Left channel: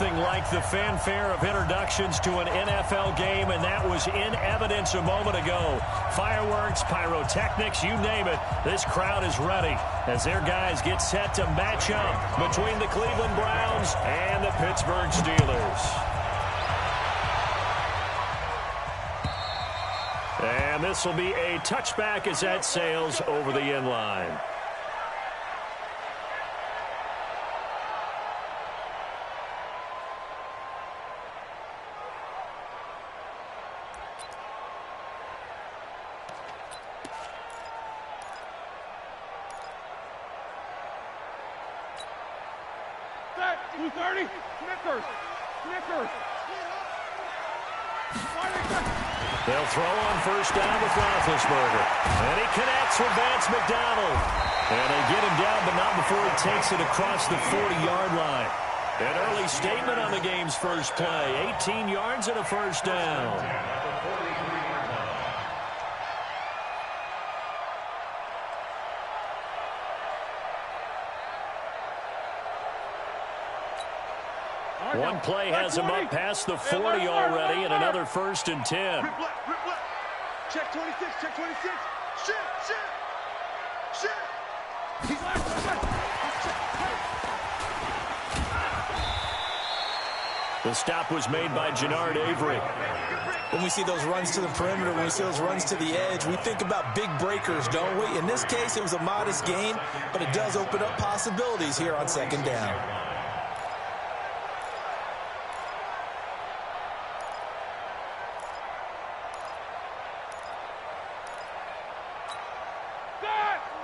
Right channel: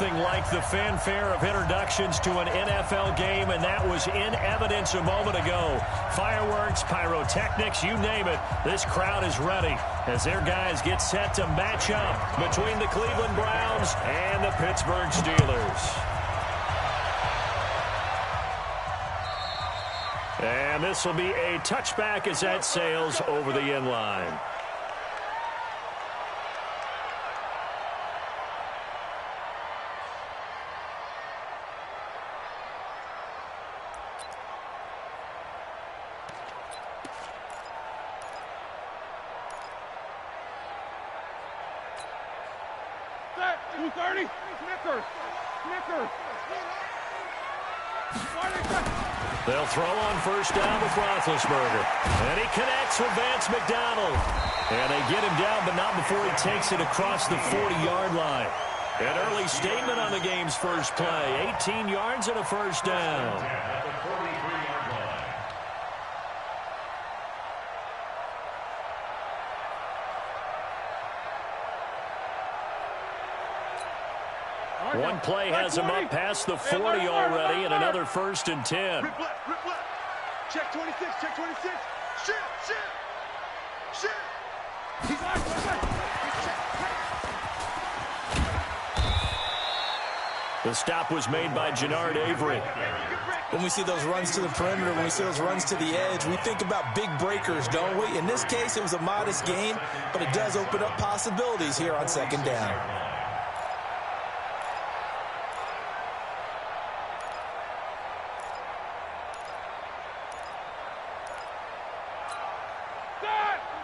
Nothing like the fanfare of introductions to an NFL game, and that was in evidence a moment ago. Fireworks, pyrotechnics, you name it. This crowd is ready as their guys get set to match up between the Cleveland Browns and the Pittsburgh Steelers. And this will be a touchback as that sails over the end line. Set, 230, Snickers. They'll throw on first down with Roethlisberger. And he connects with Vance McDonald. And they get him down, but not before he takes it across the 40-yard line. An early statement on the game's first play. 18 yards and a first down. One play has him up past the 40 already, and another 1st and 10. Rip left. Check 26, check 26. Shit. He's left. The stop was made by Jannard Avery. When we see those runs to the perimeter, when we see those runs to the edge, we think about big breakers, don't we? In this case, it was a modest gain, but it does open up possibilities here on second down.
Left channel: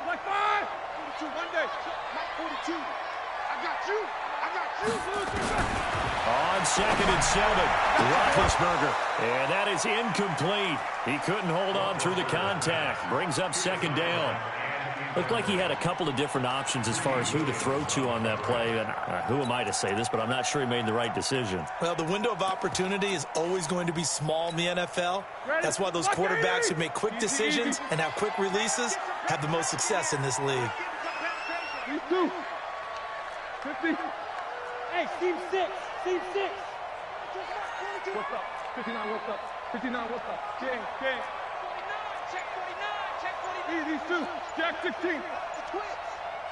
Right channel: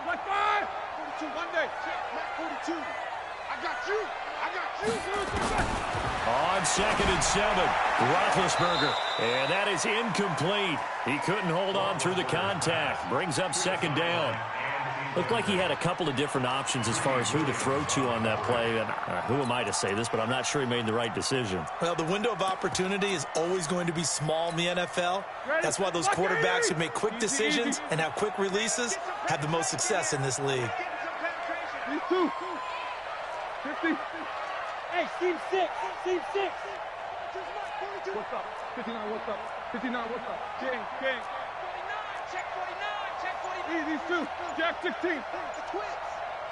Like 5. 42, Monday. Matt 42. I got you. On 2nd and 7, Roethlisberger. And that is incomplete. He couldn't hold on through the contact. Brings up 2nd down. Looked like he had a couple of different options as far as who to throw to on that play. And who am I to say this, but I'm not sure he made the right decision. Well, the window of opportunity is always going to be small in the NFL. That's why those quarterbacks who make quick decisions and have quick releases have the most success in this league. These two. 50. Hey, Steve 6. What's up? 59, what's up? 59, what's up? King. 49, check 49. These two. Jack 16. The twins.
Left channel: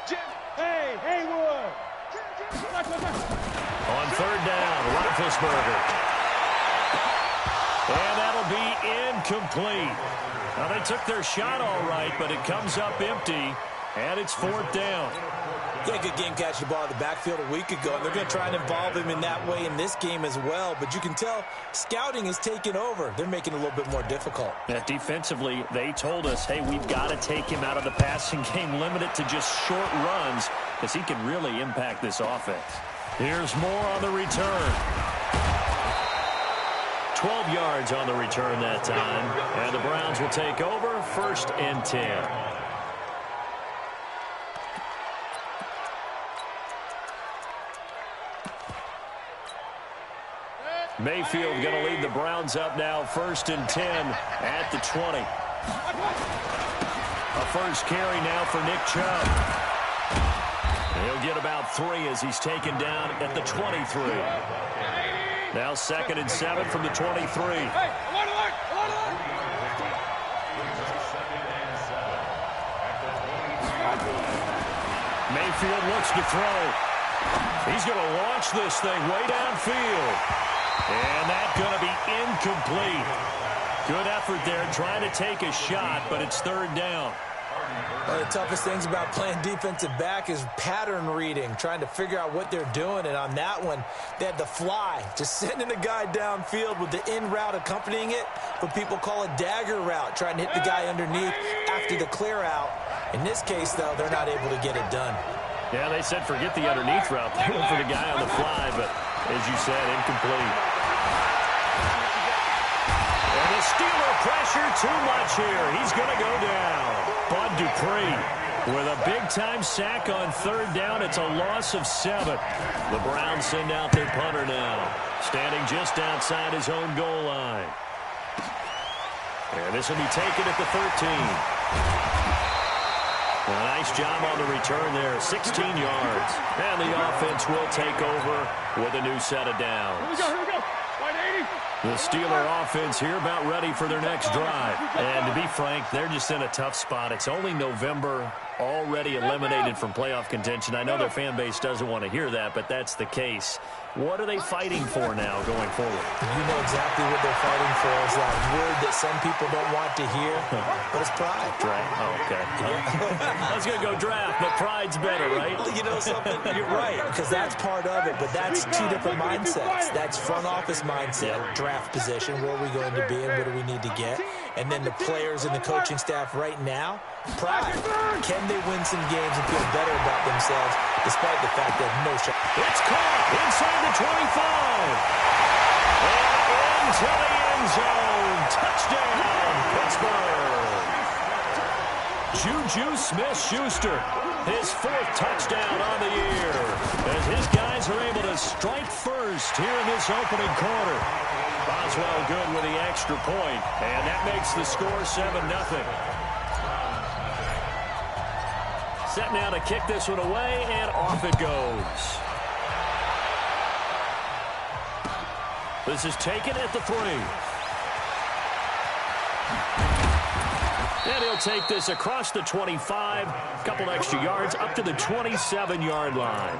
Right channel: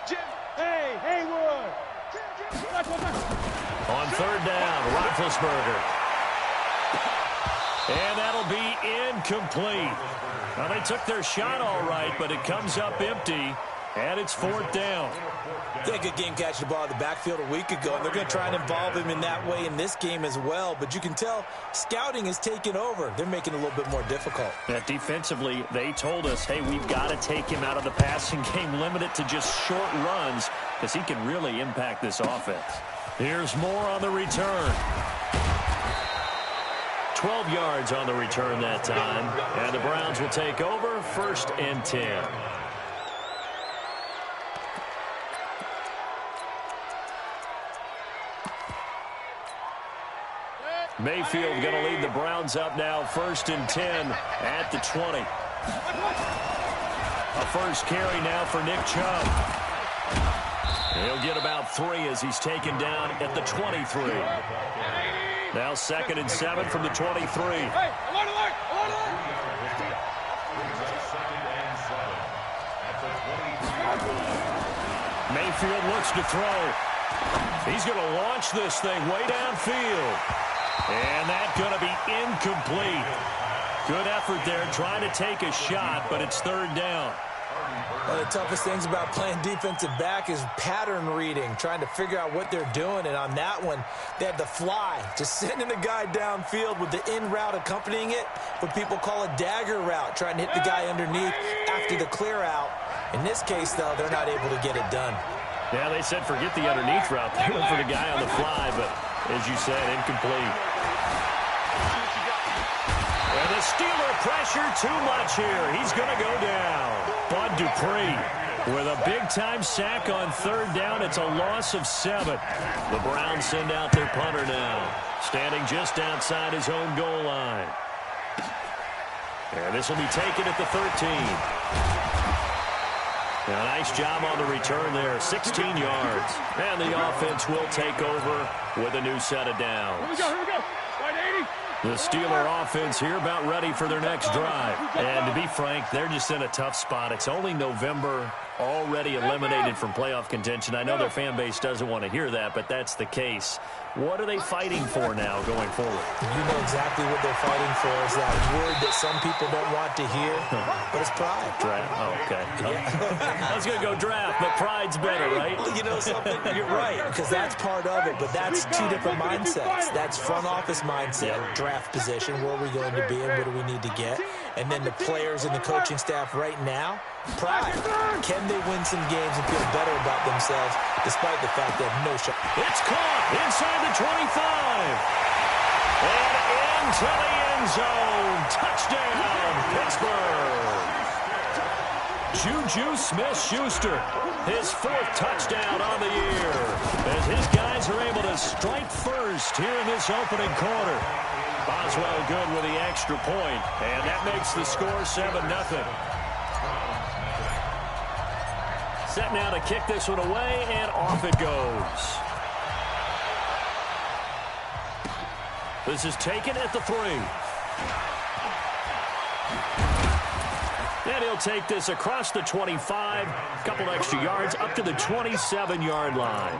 Jim. Hey, Haywood. On 3rd down, Roethlisberger. And that'll be incomplete. Now, they took their shot all right, but it comes up empty, and it's 4th down. Yeah, good game catching the ball in the backfield a week ago, and they're going to try and involve him in that way in this game as well. But you can tell scouting is taking over. They're making it a little bit more difficult. Yeah, defensively, they told us, hey, we've got to take him out of the passing game, limit it to just short runs, because he can really impact this offense. Here's more on the return. 12 yards on the return that time, and the Browns will take over 1st and 10. Mayfield going to lead the Browns up now, 1st and 10 at the 20. A first carry now for Nick Chubb. He'll get about 3 as he's taken down at the 23. Now 2nd and 7 from the 23. Hey, alert! Mayfield looks to throw. He's going to launch this thing way downfield. And that's going to be incomplete. Good effort there trying to take a shot, but it's 3rd down. One of the toughest things about playing defensive back is pattern reading, trying to figure out what they're doing. And on that one, they had the fly, just sending the guy downfield with the in route accompanying it, what people call a dagger route, trying to hit the guy underneath after the clear out. In this case, though, they're not able to get it done. Yeah, they said forget the underneath route. They went for the guy on the fly, but as you said, incomplete. And the Steeler pressure too much here. He's going to go down. Bud Dupree with a big-time sack on 3rd down. It's a loss of 7. The Browns send out their punter now, standing just outside his own goal line. And this will be taken at the 13. A nice job on the return there, 16 yards. And the offense will take over with a new set of downs. Here we go. Right 80. The Steeler offense here about ready for their next drive. And to be frank, they're just in a tough spot. It's only November, already eliminated from playoff contention. I know their fan base doesn't want to hear that, but that's the case. What are they fighting for now going forward? You know exactly what they're fighting for. Is that word that some people don't want to hear, but it's pride. Draft. Oh, okay. Yeah. I was going to go draft, but pride's better, right? You know something? You're right, because that's part of it, but that's two different mindsets. That's front office mindset, draft position, where are we going to be and what do we need to get? And then the players and the coaching staff right now, pride. Can they win some games and feel better about themselves despite the fact that no shot? It's caught inside the 25. And into the end zone. Touchdown, Pittsburgh. Juju Smith-Schuster, his 4th touchdown on the year, as his guys are able to strike first here in this opening quarter. Boswell good with the extra point, and that makes the score 7-0. Set now to kick this one away, and off it goes. This is taken at the 3. And he'll take this across the 25, a couple extra yards, up to the 27-yard line.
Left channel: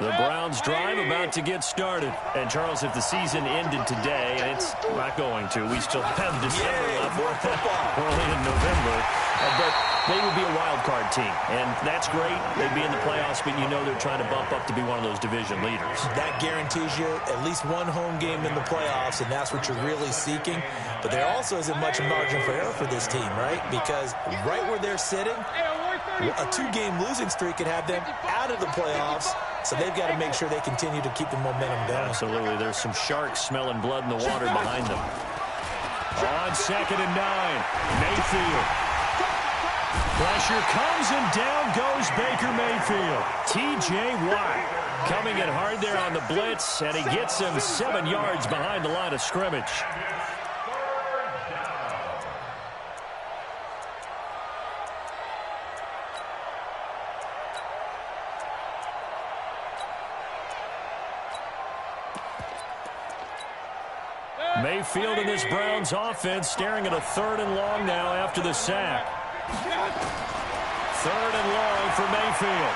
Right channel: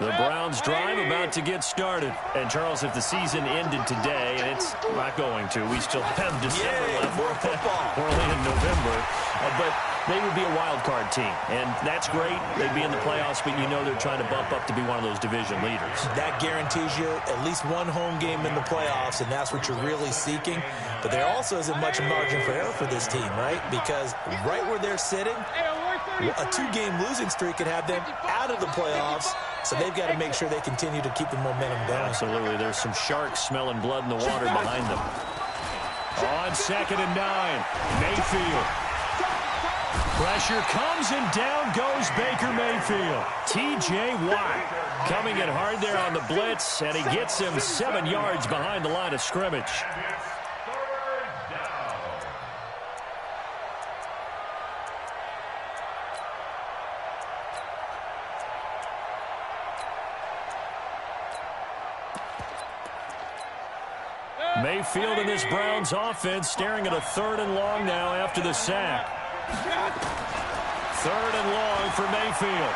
The Browns drive about to get started. And, Charles, if the season ended today, and it's not going to, we still have December left. More football. We're only in November. But they would be a wild card team. And that's great. They'd be in the playoffs, but you know they're trying to bump up to be one of those division leaders. That guarantees you at least one home game in the playoffs, and that's what you're really seeking. But there also isn't much margin for error for this team, right? Because right where they're sitting, a 2-game losing streak could have them out of the playoffs. So they've got to make sure they continue to keep the momentum going. Absolutely. There's some sharks smelling blood in the water behind them. On 2nd and 9, Mayfield. Pressure comes, and down goes Baker Mayfield. T.J. Watt coming in hard there on the blitz, and he gets him 7 yards behind the line of scrimmage. Mayfield and this Browns offense staring at a 3rd and long now after the sack. 3rd and long for Mayfield.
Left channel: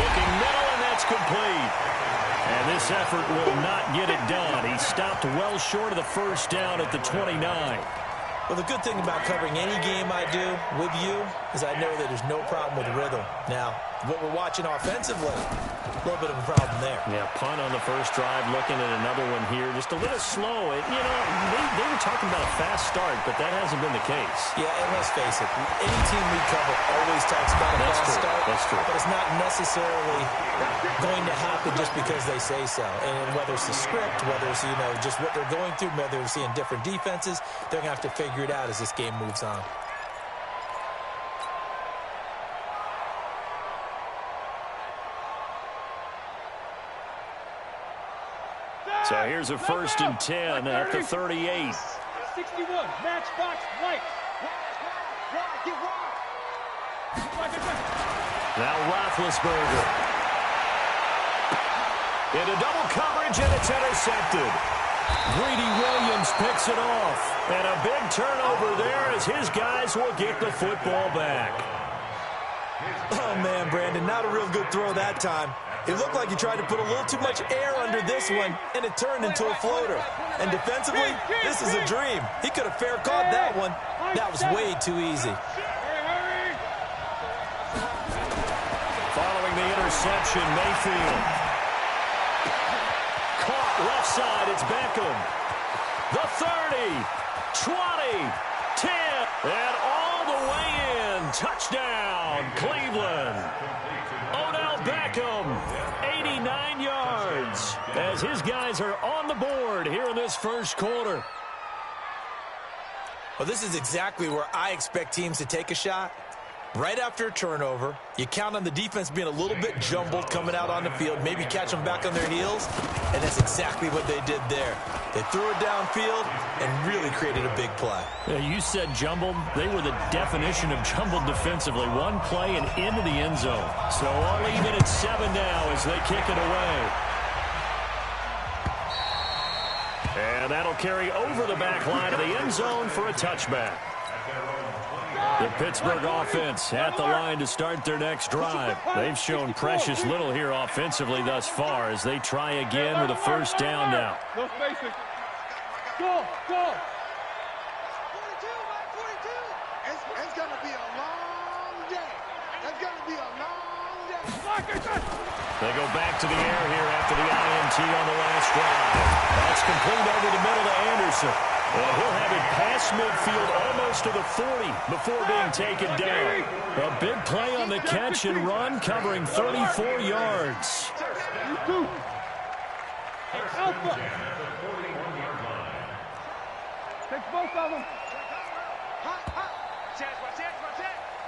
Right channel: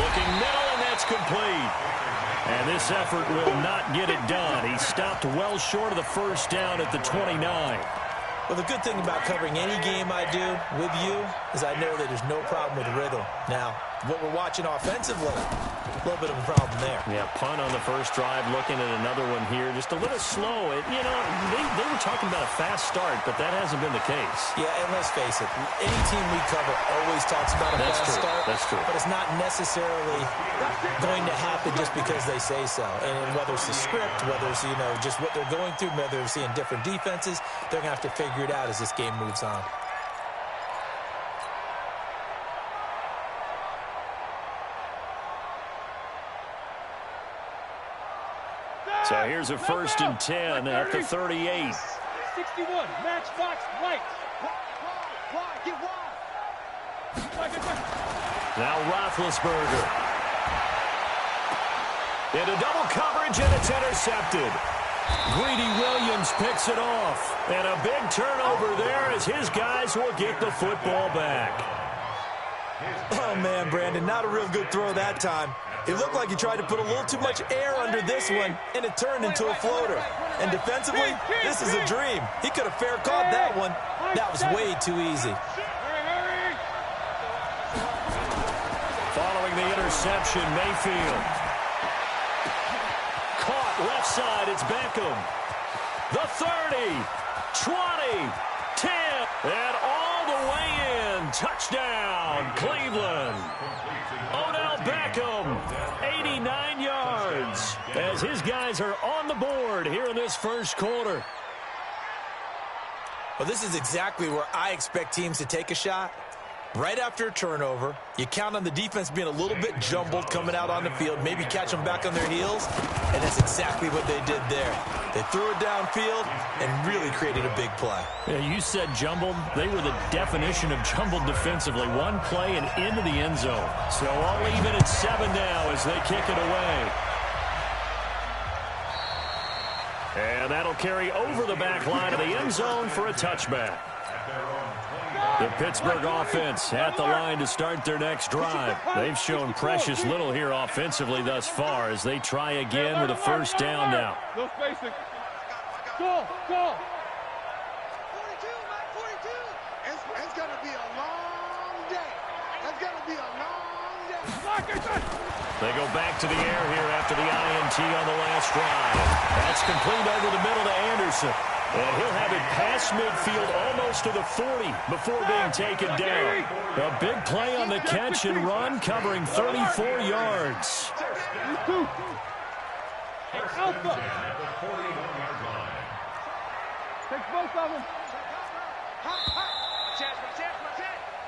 Looking middle, and that's complete. And this effort will not get it done. He stopped well short of the first down at the 29. Well, the good thing about covering any game I do with you is I know that there's no problem with rhythm. Now, what we're watching offensively, a little bit of a problem there. Yeah, punt on the first drive, looking at another one here. Just a little slow. They were talking about a fast start, but that hasn't been the case. Yeah, and let's face it, any team we cover always talks about a fast start. That's true. But it's not necessarily going to happen just because they say so. And whether it's the script, whether it's, just what they're going through, whether they're seeing different defenses, they're going to have to figure it out as this game moves on. So here's a 1st and 10 at the 38. 61, matchbox lights. Wide, get wide. Now Roethlisberger. Into double coverage, and it's intercepted. Greedy Williams picks it off. And a big turnover there as his guys will get the football back. Oh, man, Brandon, not a real good throw that time. It looked like he tried to put a little too much air under this one, and it turned into a floater. And defensively, this is a dream. He could have fair caught that one. That was way too easy. Following the interception, Mayfield. Caught left side, it's Beckham. The 30, 20, 10, and all the way in. Touchdown, Cleveland. Odell Beckham, 89 yards, as his guys are on the board here in this first quarter. Well, this is exactly where I expect teams to take a shot. Right after a turnover, you count on the defense being a little bit jumbled coming out on the field, maybe catch them back on their heels, and that's exactly what they did there. They threw it downfield and really created a big play. Yeah, you said jumbled. They were the definition of jumbled defensively. One play and into the end zone. So all even at 7 now as they kick it away. And that'll carry over the back line of the end zone for a touchback. The Pittsburgh offense at the line to start their next drive. They've shown precious little here offensively thus far as they try again with a first down now. No spacing. Go, go. 42, Mike, 42. It's going to be a long day. It's going to be a long day. They go back to the air here after the INT on the last drive. That's complete over the middle to Anderson. And he'll have it past midfield almost to the 40 before being taken down. A big play on the catch and run covering 34 yards. Alpha. Take both of them.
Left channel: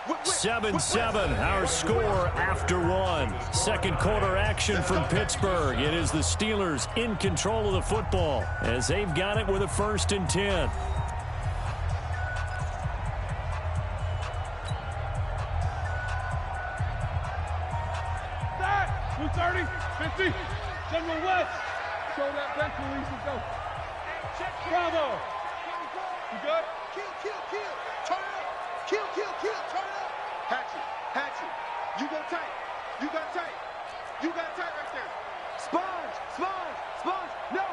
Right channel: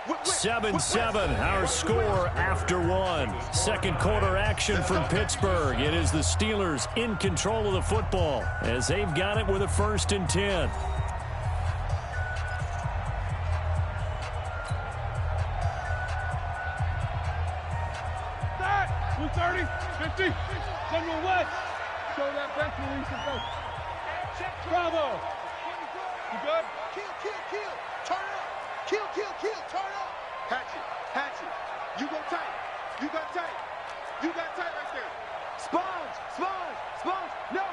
7-7, our score after 1. Second quarter action from Pittsburgh. It is the Steelers in control of the football as they've got it with a 1st and 10. Blue 30, 50, General West. Show that bench release and go. Bravo. You good? Kill. Turn up. Kill. Turn up. Hatchet. You go tight. You got tight right there. Sponge. No.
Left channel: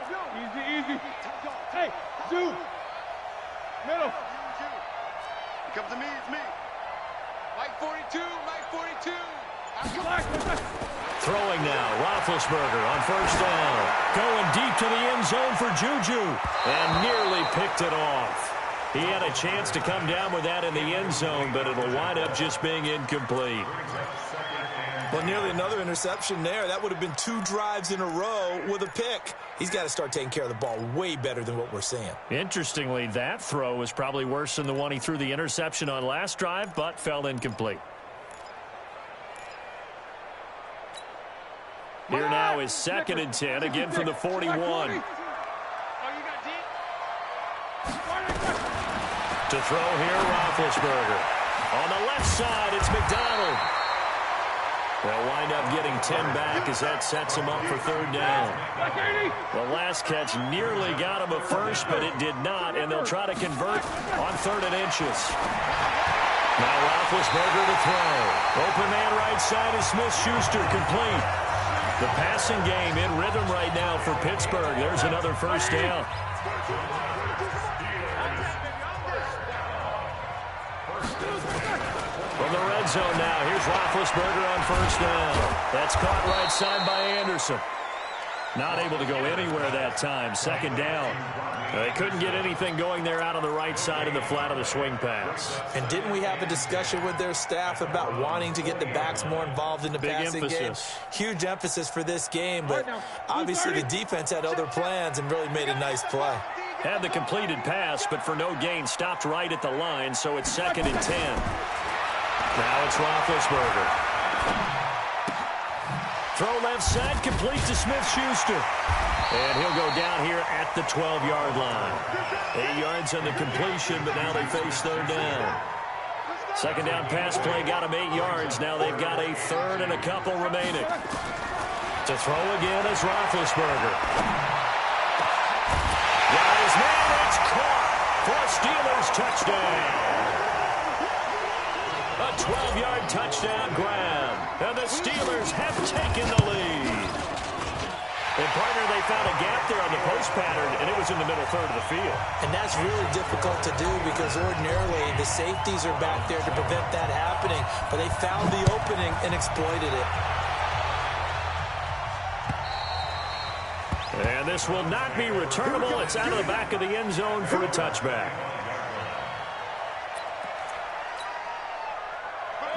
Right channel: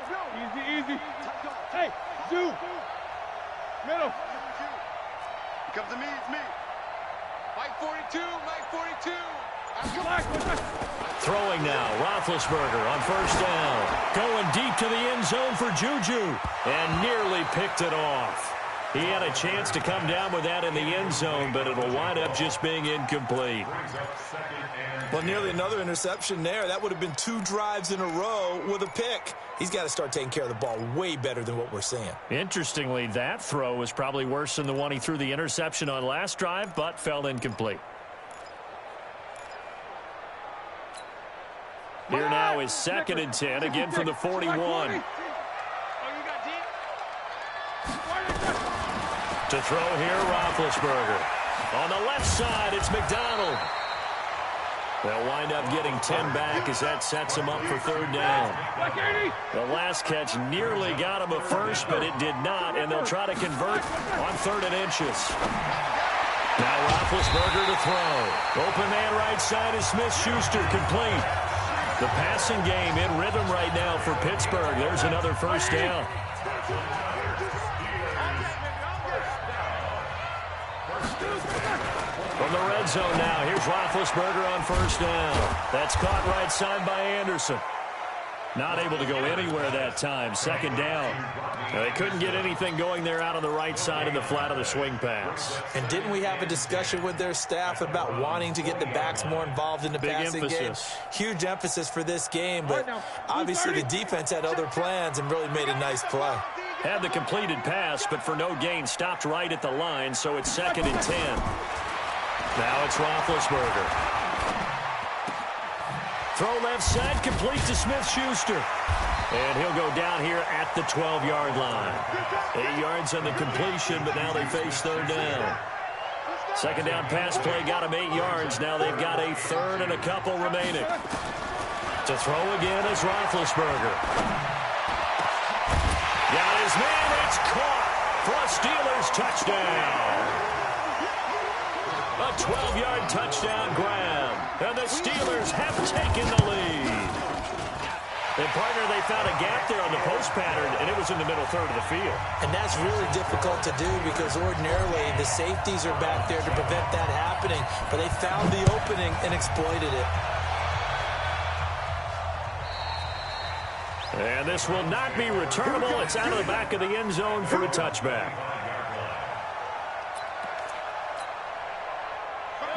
Easy. Hey, Zoo. Middle. You. It comes to me, it's me. Mike 42. Throwing now, Roethlisberger on first down. Going deep to the end zone for Juju. And nearly picked it off. He had a chance to come down with that in the end zone, but it'll wind up just being incomplete. Well, nearly another interception there. That would have been 2 drives in a row with a pick. He's got to start taking care of the ball way better than what we're seeing. Interestingly, that throw was probably worse than the one he threw the interception on last drive, but fell incomplete. Here now is 2nd and 10, again from the 41. To throw here, Roethlisberger. On the left side, it's McDonald. They'll wind up getting 10 back as that sets him up for 3rd down. The last catch nearly got him a first, but it did not, and they'll try to convert on 3rd and inches. Now Roethlisberger to throw. Open man right side is Smith-Schuster, complete. The passing game in rhythm right now for Pittsburgh. There's another first down. From the red zone now, here's Roethlisberger on first down. That's caught right side by Anderson. Not able to go anywhere that time. 2nd down. They couldn't get anything going there out on the right side in the flat of the swing pass. And didn't we have a discussion with their staff about wanting to get the backs more involved in the passing game? Huge emphasis for this game, but obviously the defense had other plans and really made a nice play. Had the completed pass, but for no gain, stopped right at the line, so it's 2nd and 10. Now it's Roethlisberger. Throw left side, complete to Smith-Schuster. And he'll go down here at the 12-yard line. 8 yards on the completion, but now they face 3rd down. 2nd down pass play got him 8 yards. Now they've got a 3rd and a couple remaining. To throw again is Roethlisberger. Got his man, it's caught for a Steelers touchdown. A 12-yard touchdown grab. And the Steelers have taken the lead. And, partner, they found a gap there on the post pattern, and it was in the middle 3rd of the field. And that's really difficult to do because ordinarily the safeties are back there to prevent that happening. But they found the opening and exploited it. And this will not be returnable. It's out of the back of the end zone for a touchback.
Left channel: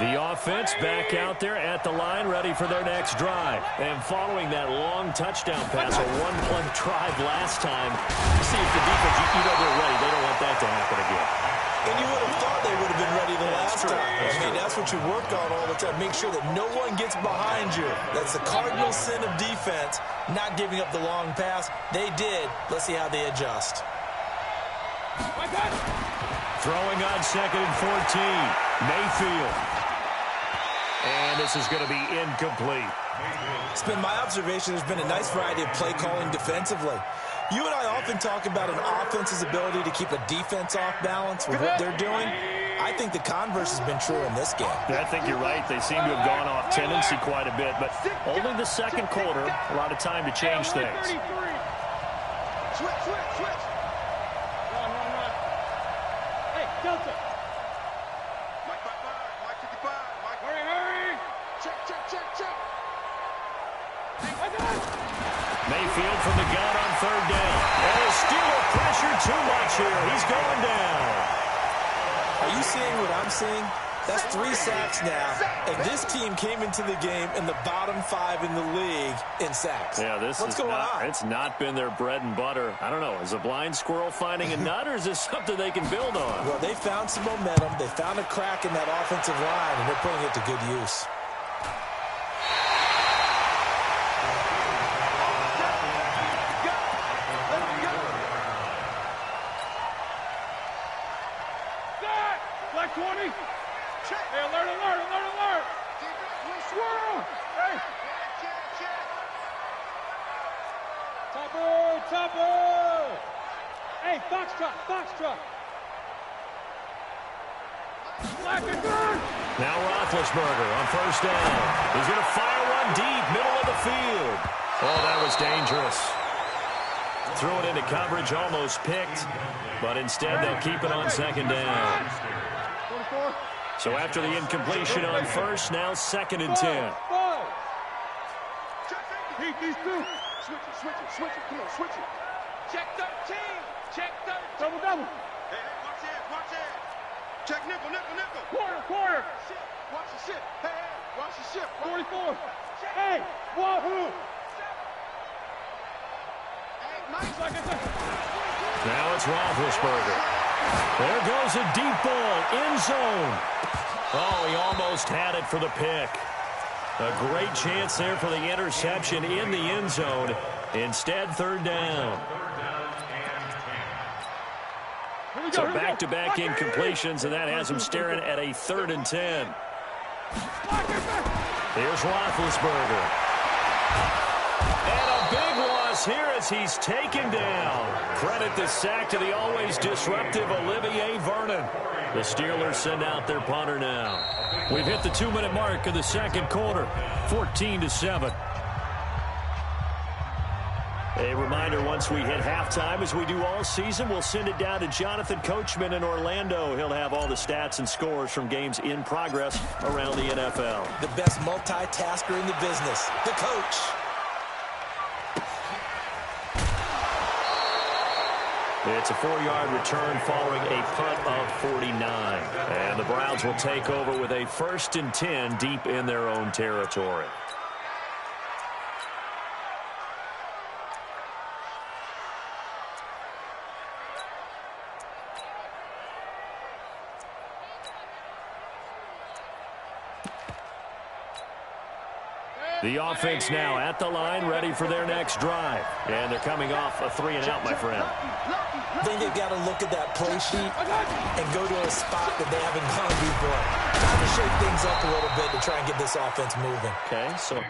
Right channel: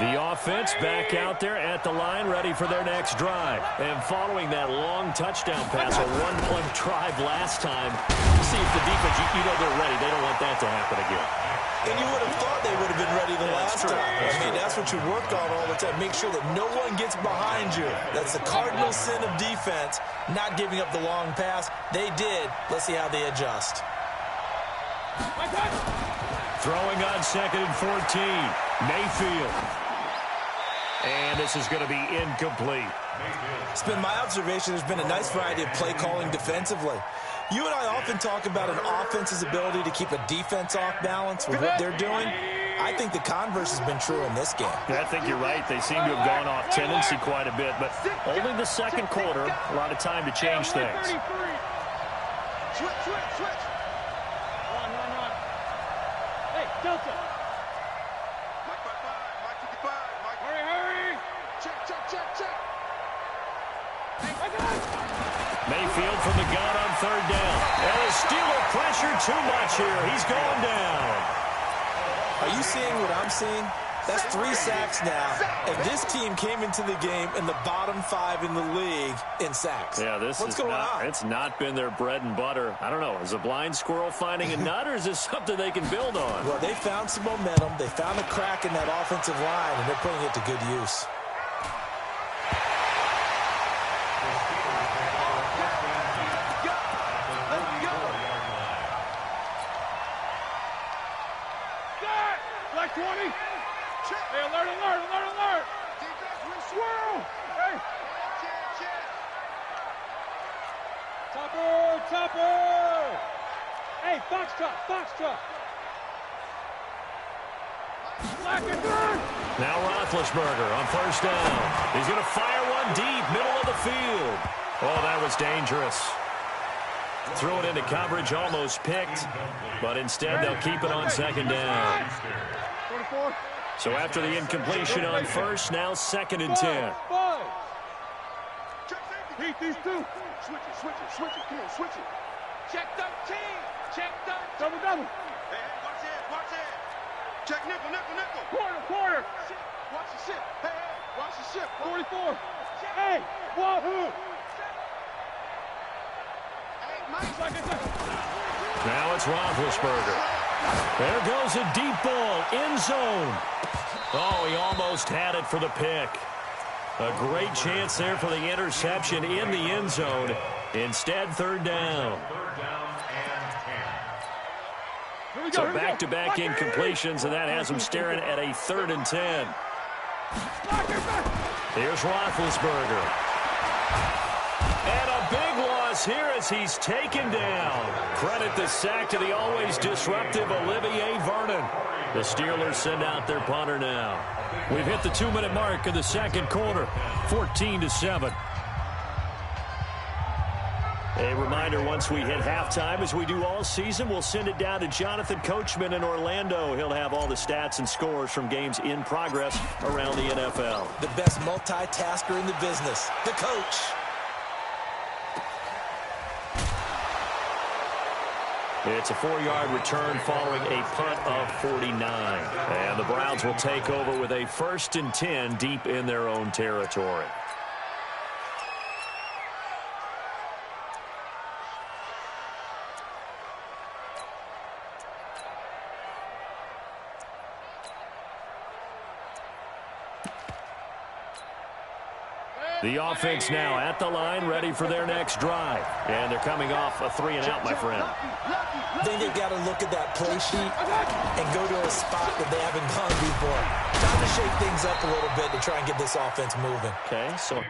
The offense back out there at the line, ready for their next drive. And following that long touchdown pass, a one-play drive last time, see if the defense, you know they're ready. They don't want that to happen again. And you would have thought they would have been ready the last time. I mean, that's what you work on all the time. Make sure that no one gets behind you. That's the cardinal sin of defense, not giving up the long pass. They did. Let's see how they adjust. Throwing on 2nd and 14. Mayfield. And this is going to be incomplete. It's been my observation there's been a nice variety of play calling defensively. You and I often talk about an offense's ability to keep a defense off balance with what they're doing. I think the converse has been true in this game. Yeah, I think you're right. They seem to have gone off tendency quite a bit, but only the second quarter, a lot of time to change things. Switch. Run. Hey, Delta. Mike 5-5. Mike 55. Mike. Hurry. Check. Mayfield from the gun on 3rd down. And the Steeler pressure too much here. He's going down. Are you seeing what I'm seeing? That's 3 sacks now, and this team came into the game in the bottom 5 in the league in sacks. Yeah, what's going on? It's not been their bread and butter. I don't know. Is a blind squirrel finding a nut, or is this something they can build on? Well, they found some momentum. They found a crack in that offensive line, and they're putting it to good use. Black 20. Hey, alert. Swirl. Hey. Check. Topper. Hey, Foxtrot. Black and black. Now Roethlisberger on 1st down. He's going to fire one deep, middle of the field. Oh, that was dangerous. Threw it into coverage, almost picked, but instead they'll keep it on 2nd down. 44. So after the incompletion on 1st, now 2nd and 10. Heat these two. Switch it. Come on, switch it. Check 13. Double. Hey, watch it. Check nickel. Quarter. Shit. Watch the shit. Hey, watch the shit. 44. Hey, wahoo. Hey, Mike. Now it's Roethlisberger. There goes a deep ball, end zone. Oh, he almost had it for the pick. A great chance there for the interception in the end zone. Instead, 3rd down. So back-to-back incompletions, and that has him staring at a 3rd and 10. Here's Roethlisberger. And a big loss here as he's taken down. Credit the sack to the always disruptive Olivier Vernon. The Steelers send out their punter now. We've hit the 2-minute mark of the second quarter, 14-7. A reminder, once we hit halftime, as we do all season, we'll send it down to Jonathan Coachman in Orlando. He'll have all the stats and scores from games in progress around the NFL. The best multitasker in the business, the coach. It's a 4-yard return following a punt of 49. And the Browns will take over with a 1st and 10 deep in their own territory. The offense now at the line, ready for their next drive. And they're coming off a 3-and-out, my friend. I think they've got to look at that play sheet and go to a spot that they haven't gone before. Time to shake things up a little bit to try and get this offense moving. Okay, so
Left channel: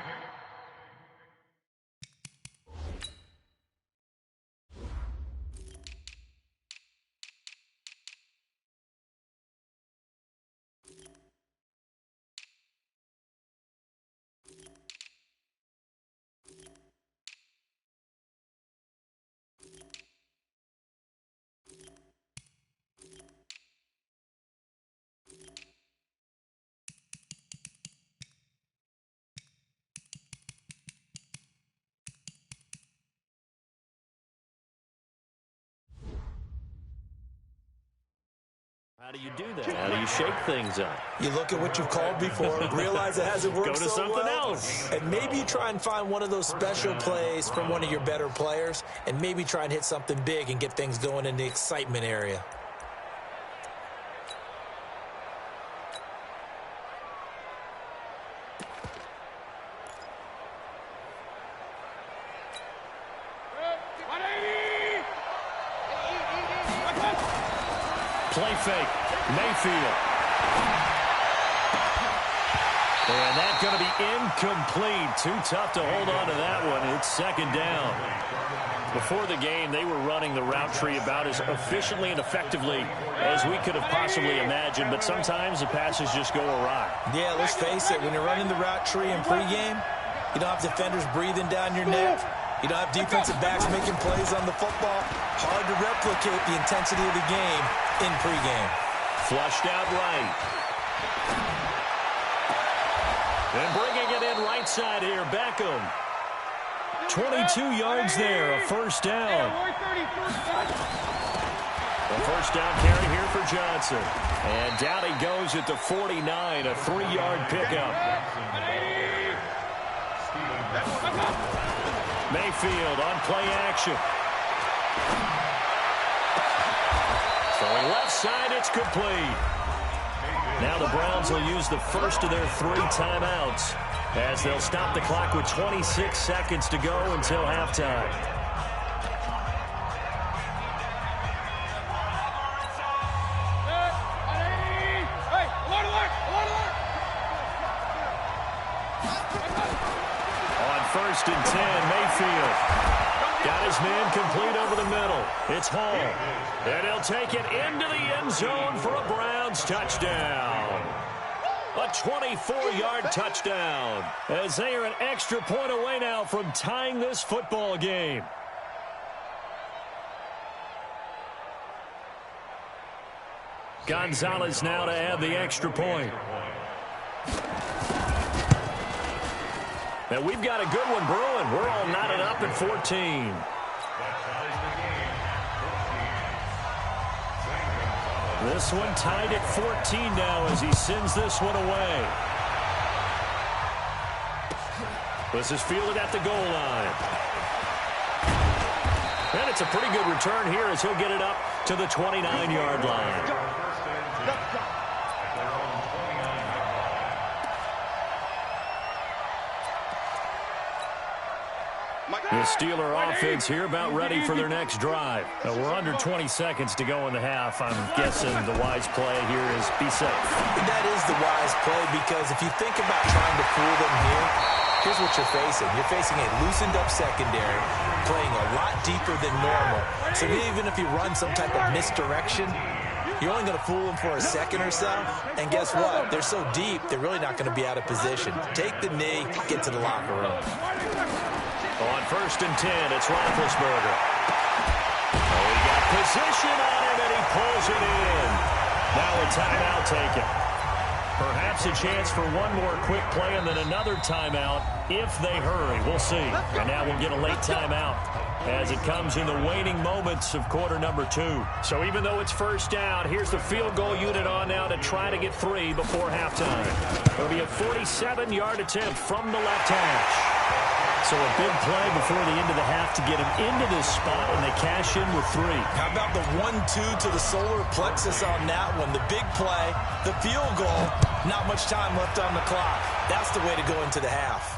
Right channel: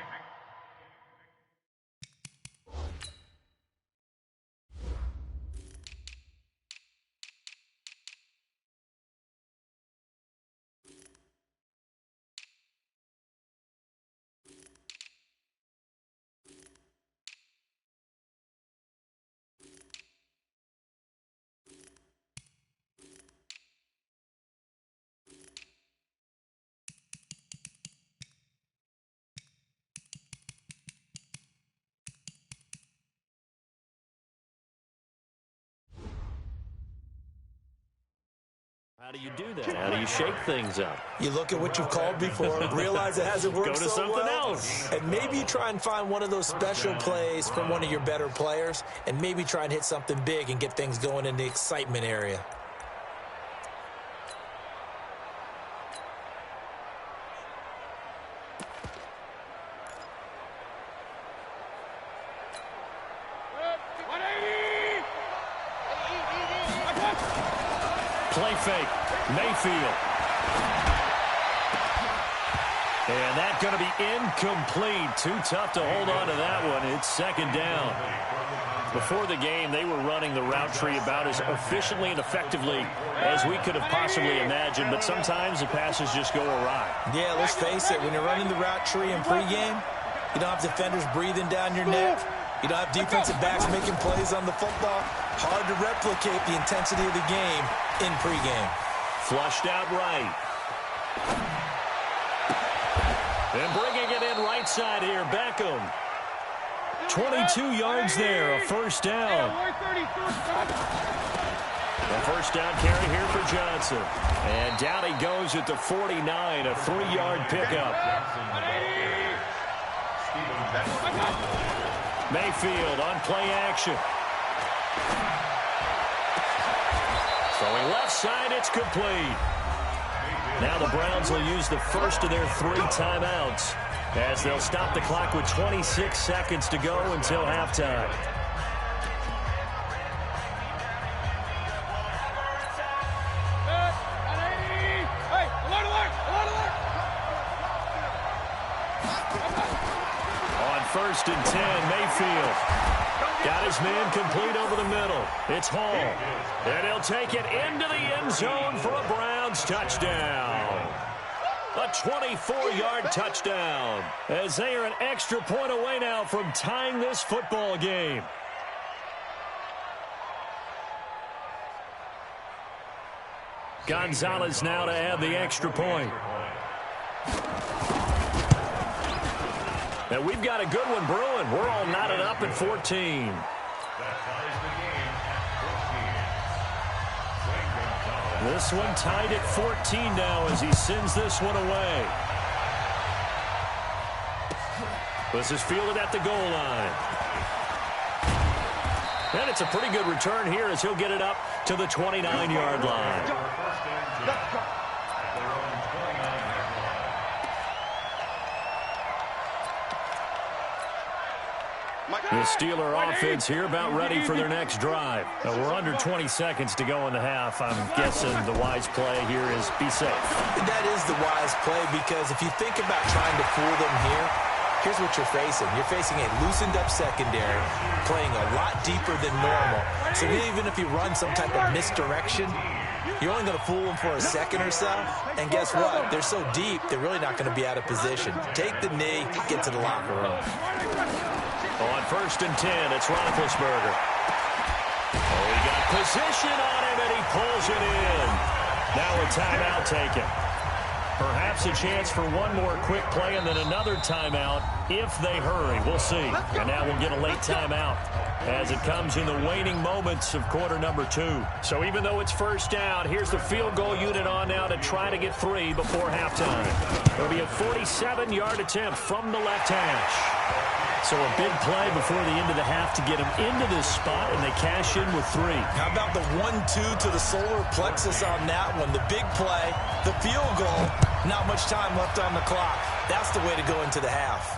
How do you do that? How do you shake things up? You look at what you've called before, realize it hasn't worked Go to so something well, else. and maybe you try and find one of those special plays from one of your better players, and maybe try and hit something big and get things going in the excitement area. Play fake. Mayfield. And that's going to be incomplete. Too tough to hold on to that one. It's second down. Before the game, they were running the route tree about as efficiently and effectively as we could have possibly imagined, but sometimes the passes just go awry. Yeah, let's face it. When you're running the route tree in pregame, you don't have defenders breathing down your neck. You don't have defensive backs making plays on the football. Hard to replicate the intensity of the game in pregame. Flushed out right. And bringing it in right side here, Beckham. 22 yards there, a first down. A first down carry here for Johnson. And down he goes at the 49, a 3-yard pickup. Mayfield on play action. Throwing left side, it's complete. Now the Browns will use the first of their 3 timeouts as they'll stop the clock with 26 seconds to go until halftime. On first and 10, Mayfield got his man complete over the middle. It's Hall. And he'll take it into the end zone for a Browns touchdown. A 24-yard touchdown as they are an extra point away now from tying this football game. Gonzalez now to add the extra point. And we've got a good one brewing. We're all knotted up at 14. This one tied at 14 now as he sends this one away. This is fielded at the goal line. And it's a pretty good return here as he'll get it up to the 29-yard line. The Steeler offense here about ready for their next drive. We're under 20 seconds to go in the half. I'm guessing the wise play here is be safe. That is the wise play because if you think about trying to fool them here, here's what you're facing. You're facing a loosened-up secondary, playing a lot deeper than normal. So even if you run some type of misdirection, you're only going to fool them for a second or so. And guess what? They're so deep, they're really not going to be out of position. Take the knee, get to the locker room. On first and 10, it's Roethlisberger. Oh, he got position on him, and he pulls it in. Now a timeout taken. Perhaps a chance for one more quick play and then another timeout if they hurry. We'll see. And now we'll get a late timeout as it comes in the waning moments of quarter number 2. So even though it's first down, here's the field goal unit on now to try to get 3 before halftime. It'll be a 47-yard attempt from the left hash. So a big play before the end of the half to get them into this spot, and they cash in with 3. How about the 1-2 to the solar plexus on that one? The big play, the field goal, not much time left on the clock. That's the way to go into the half.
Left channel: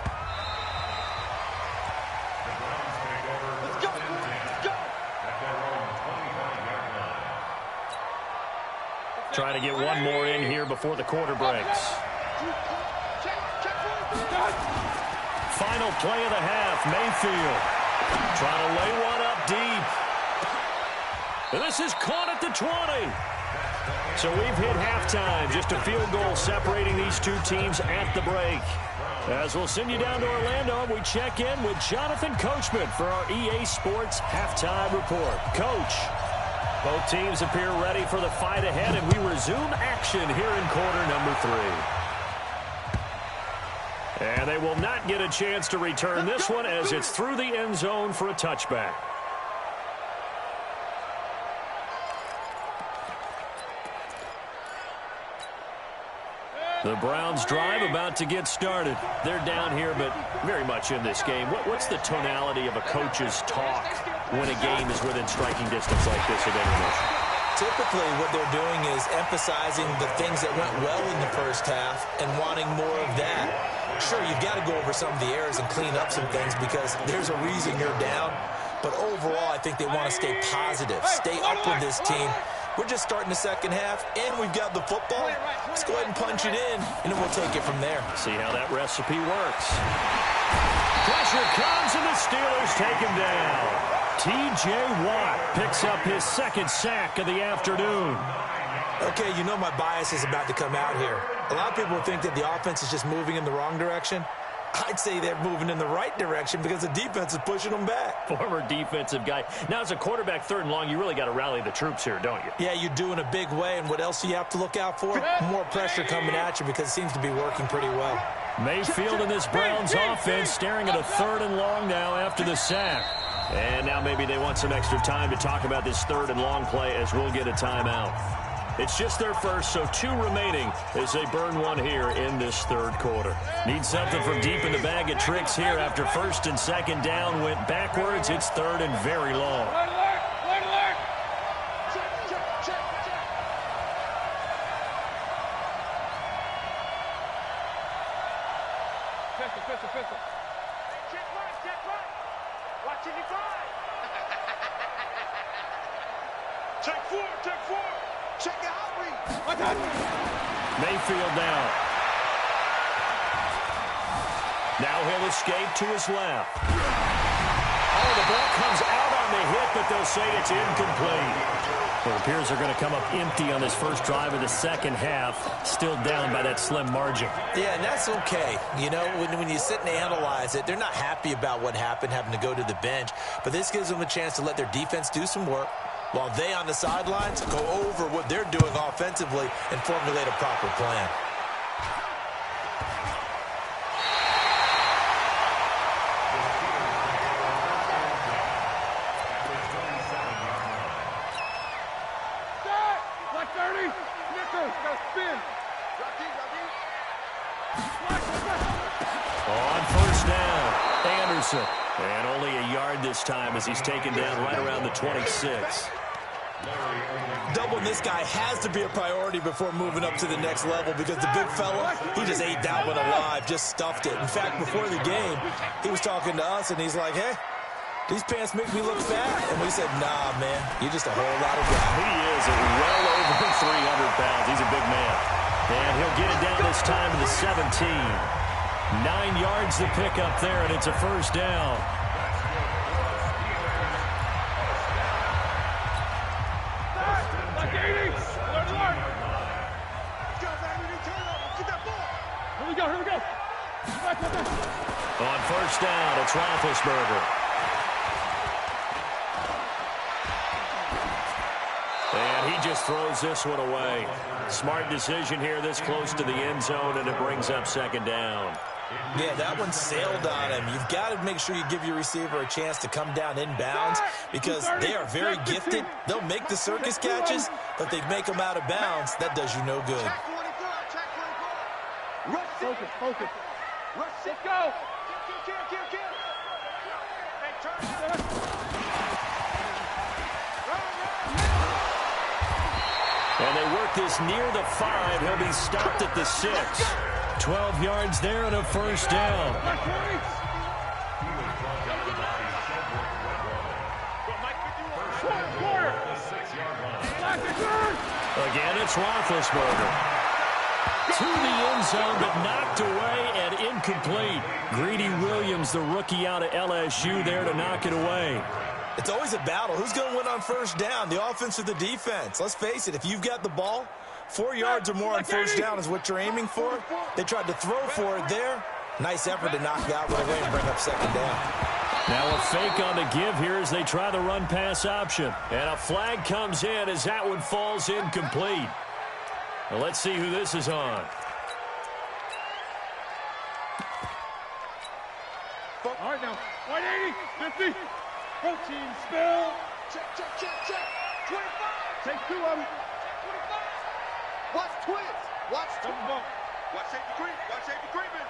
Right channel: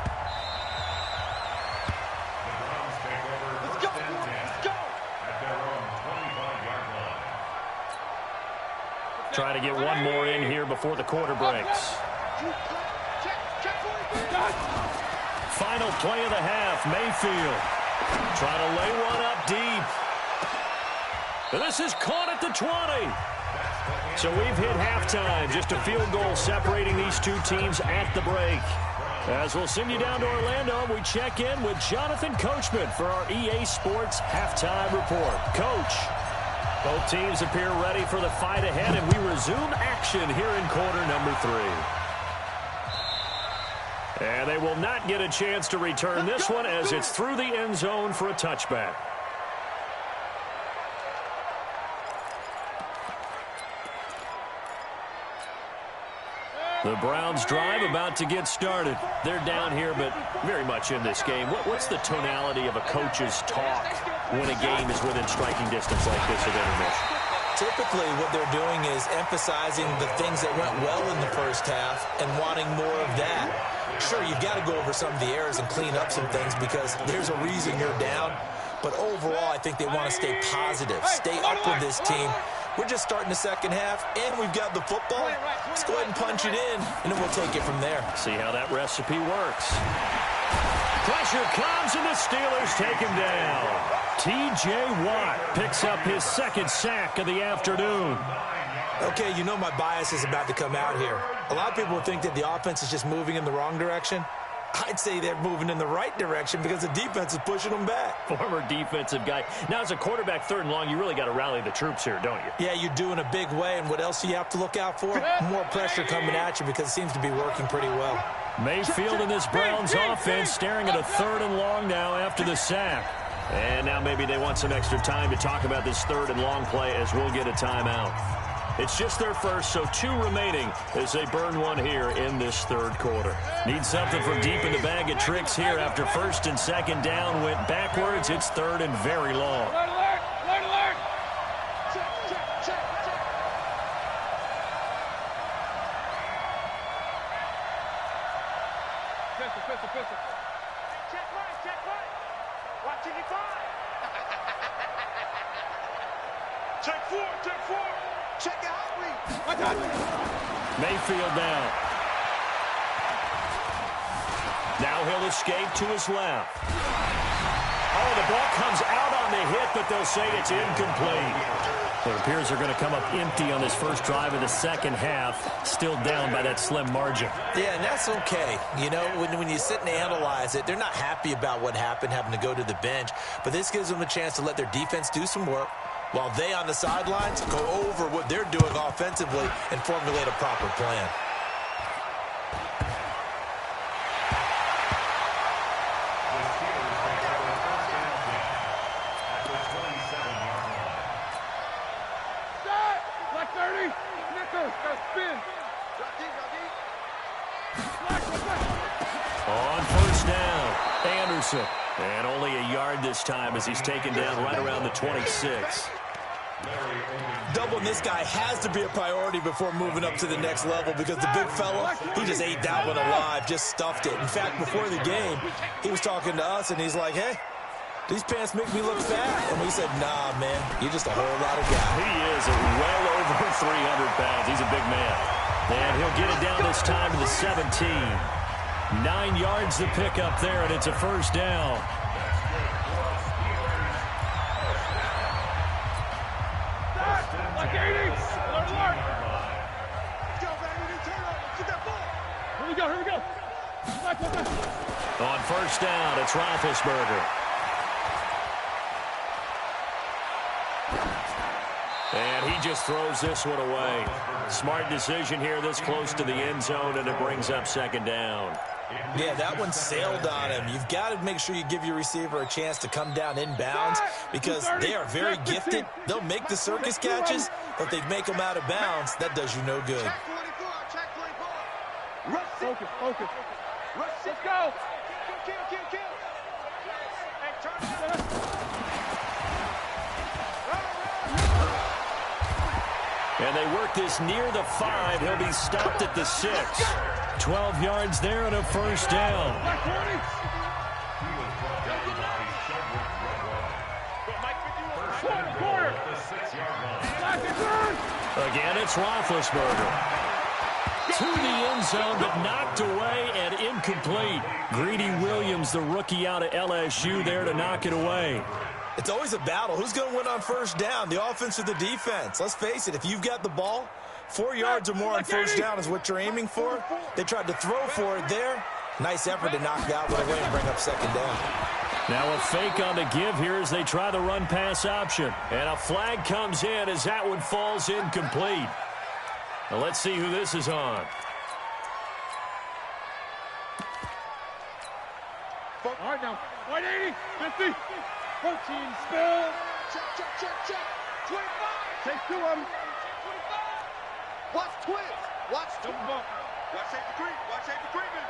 Let's go, let's go. At their own 25-yard line. Trying to get one more in here before the quarter breaks. Check. Final play of the half, Mayfield trying to lay one up deep. And this is caught at the 20. So we've hit halftime, just a field goal separating these two teams at the break. As we'll send you down to Orlando, we check in with Jonathan Coachman for our EA Sports Halftime Report. Coach, both teams appear ready for the fight ahead, and we resume action here in quarter number 3. And they will not get a chance to return this one as it's through the end zone for a touchback. The Browns drive about to get started. They're down here, but very much in this game. What's the tonality of a coach's talk when a game is within striking distance like this at intermission? Typically, what they're doing is emphasizing the things that went well in the first half and wanting more of that. Sure, you've got to go over some of the errors and clean up some things because there's a reason you're down. But overall, I think they want to stay positive, stay up with this team. We're just starting the second half, and we've got the football. Let's go ahead and punch it in, and then we'll take it from there. See how that recipe works. Pressure comes, and the Steelers take him down. T.J. Watt picks up his second sack of the afternoon. Okay, you know my bias is about to come out here. A lot of people think that the offense is just moving in the wrong direction. I'd say they're moving in the right direction because the defense is pushing them back. Former defensive guy. Now, as a quarterback, third and long, you really got to rally the troops here, don't you? Yeah, you do in a big way. And what else do you have to look out for? More pressure coming at you because it seems to be working pretty well. Mayfield and this Browns offense staring at a third and long now after the sack. And now maybe they want some extra time to talk about this third and long play as we'll get a timeout. It's just their first, so 2 remaining as they burn one here in this third quarter. Need something from deep in the bag of tricks here after first and second down went backwards. It's third and very long. Alert, alert, alert, alert. Check, check, check, check. Pistol. Hey, check right. Watch it, 5. Check 4. Check your hot read. Mayfield down. Now he'll escape to his left. Oh, the ball comes out on the hit, but they'll say it's incomplete. It appears they're going to come up empty on this first drive of the second half, still down by that slim margin. Yeah, and that's okay. You know, when you sit and analyze it, they're not happy about what happened, having to go to the bench, but this gives them a chance to let their defense do some work while they on the sidelines go over what they're doing offensively and formulate a proper plan. Black 30. Nichols, got to spin. Drop deep. On first down, Anderson. And only a yard this time as he's taken down right around the 26. Doubling this guy has to be a priority before moving up to the next level because the big fella, he just ate that one alive, just stuffed it. In fact, before the game, he was talking to us, and he's like, hey, these pants make me look fat. And we said, nah, man, you're just a whole lot of guy. He is well over 300 pounds. He's a big man. And he'll get it down this time to the 17. 9 yards to pick up there, and it's a first down. Black 80. Alert. Go, baby. Turn it over. Get that ball. Here we go. Black. On first down, it's Roethlisberger. And he just throws this one away. Smart decision here this close to the end zone, and it brings up second down. Yeah, that one sailed on him. You've got to make sure you give your receiver a chance to come down inbounds because they are very gifted. They'll make the circus catches, but if they make them out of bounds, that does you no good. Check 24. Rush it. Focus. Rush it. Let's go. Kill. Hey, turn it. And they work this near the 5. He'll be stopped at the 6. 12 yards there and a first down. Black 20. He was brought down by Shedrick Redwall. Quarter. The 6-yard line. Black return. Again, it's Roethlisberger. To the end zone, but knocked away and incomplete. Greedy Williams, the rookie out of LSU, there to knock it away. It's always a battle. Who's going to win on first down, the offense or the defense? Let's face it, if you've got the ball, 4 yards or more on first down is what you're aiming for. They tried to throw for it there. Nice effort to knock it out right away and bring up second down. Now a fake on the give here as they try the run-pass option. And a flag comes in as that one falls incomplete. Now let's see who this is on. All right, now. 180. 50. Protein spill. Check. 25. Take 2 of them. Check 25. Watch twins. Watch Double twins. bump. Watch safety creep. Watch safety creeping.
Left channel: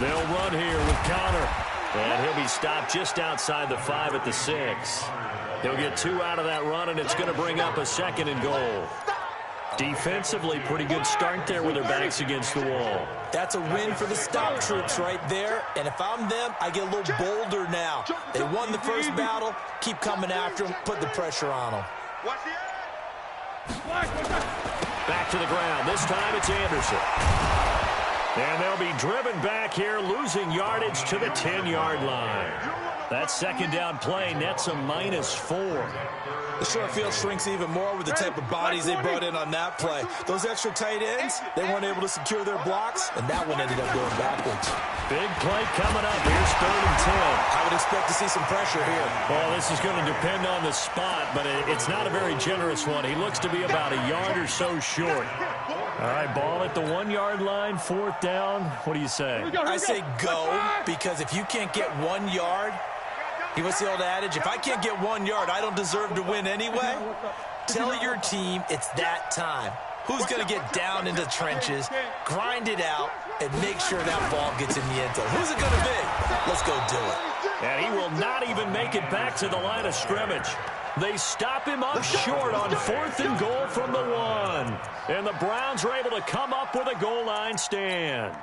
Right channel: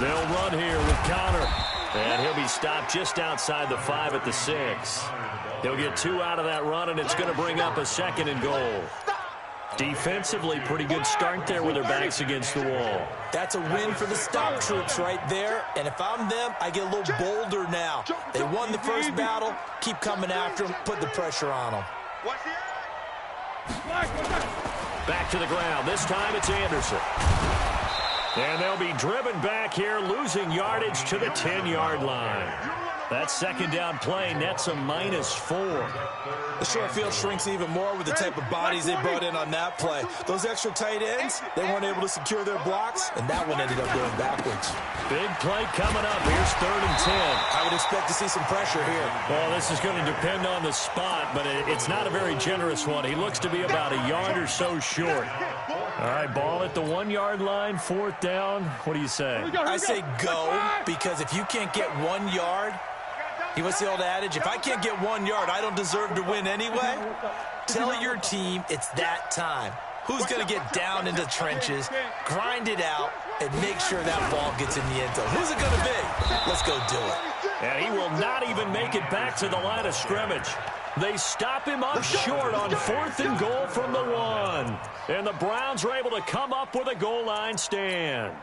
They'll run here with Connor. And he'll be stopped just outside the 5 at the 6. He'll get 2 out of that run, and it's going to bring up a 2nd and goal. Defensively, pretty good start there with their backs against the wall. That's a win for the stop troops right there. And if I'm them, I get a little bolder now. They won the first battle. Keep coming after them. Put the pressure on them. Watch the Back to the ground. This time it's Anderson. And they'll be driven back here, losing yardage to the 10-yard line. That 2nd down play nets a -4. The short field shrinks even more with the type of bodies they brought in on that play. Those extra tight ends, they weren't able to secure their blocks, and that one ended up going backwards. Big play coming up. Here's 3rd and 10. I would expect to see some pressure here. Well, this is going to depend on the spot, but it's not a very generous one. He looks to be about a yard or so short. All right, ball at the 1-yard line, 4th down. What do you say? I say go, because if you can't get 1 yard, what's the old adage? If I can't get 1 yard, I don't deserve to win anyway. Tell your team it's that time. Who's going to get down into the trenches, grind it out, and make sure that ball gets in the end zone? Who's it going to be? Let's go do it. And he will not even make it back to the line of scrimmage. They stop him up short on 4th and goal from the 1. And the Browns are able to come up with a goal line stand.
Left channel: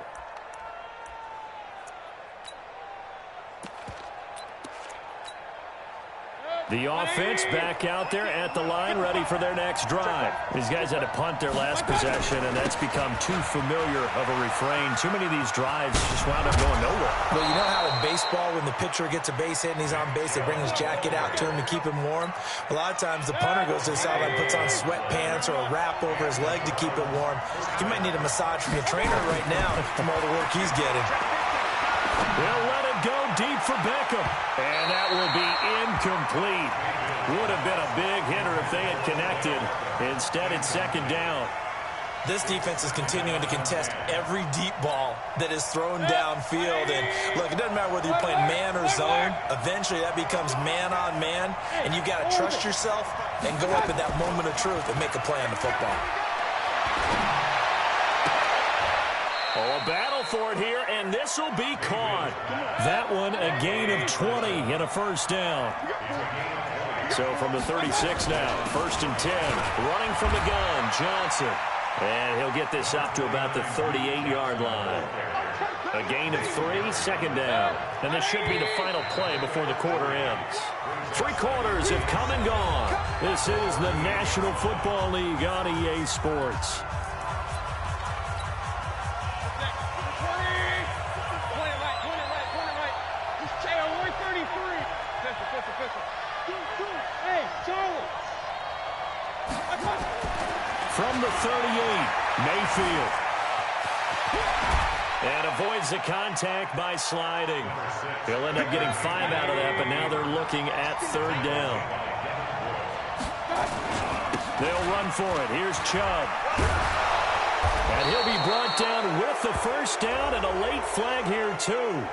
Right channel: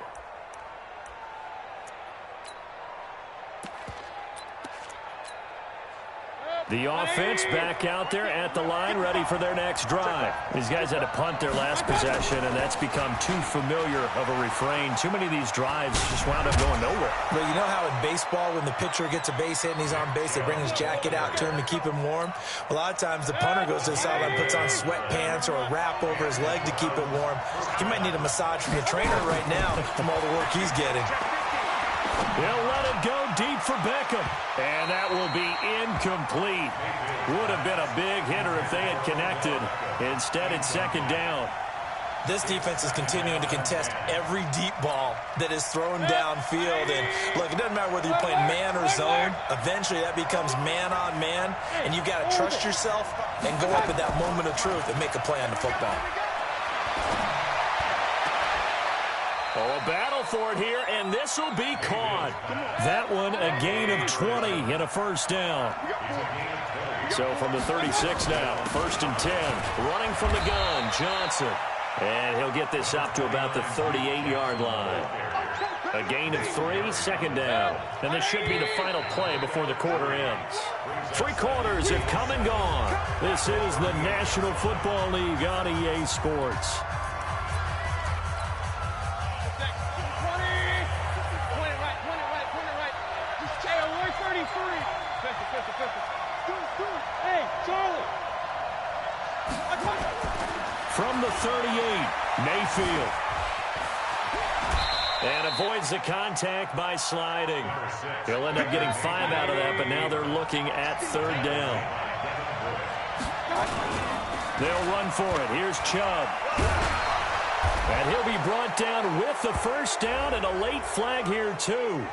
The offense back out there at the line, ready for their next drive. These guys had to punt their last possession, and that's become too familiar of a refrain. Too many of these drives just wound up going nowhere. Well, you know how in baseball, when the pitcher gets a base hit and he's on base, they bring his jacket out to him to keep him warm? A lot of times the punter goes to the sideline, puts on sweatpants or a wrap over his leg to keep it warm. He might need a massage from the trainer right now from all the work he's getting. They'll let it go deep for Beckham. And that will be incomplete. Would have been a big hitter if they had connected. Instead, it's 2nd down. This defense is continuing to contest every deep ball that is thrown downfield. And, look, it doesn't matter whether you're playing man or zone. Eventually, that becomes man-on-man. And you've got to trust yourself and go up at that moment of truth and make a play on the football. Oh, a battle for it here, and this will be caught. That one, a gain of 20 and a 1st down. So from the 36 now, 1st and 10. Running from the gun, Johnson. And he'll get this up to about the 38-yard line. A gain of 3, 2nd down. And this should be the final play before the quarter ends. 3 quarters have come and gone. This is the National Football League on EA Sports. Hey, Charlie! From the 38, Mayfield. And avoids the contact by sliding. He'll end up getting 5 out of that, but now they're looking at 3rd down. They'll run for it. Here's Chubb. And he'll be brought down with the 1st down and a late flag here, too.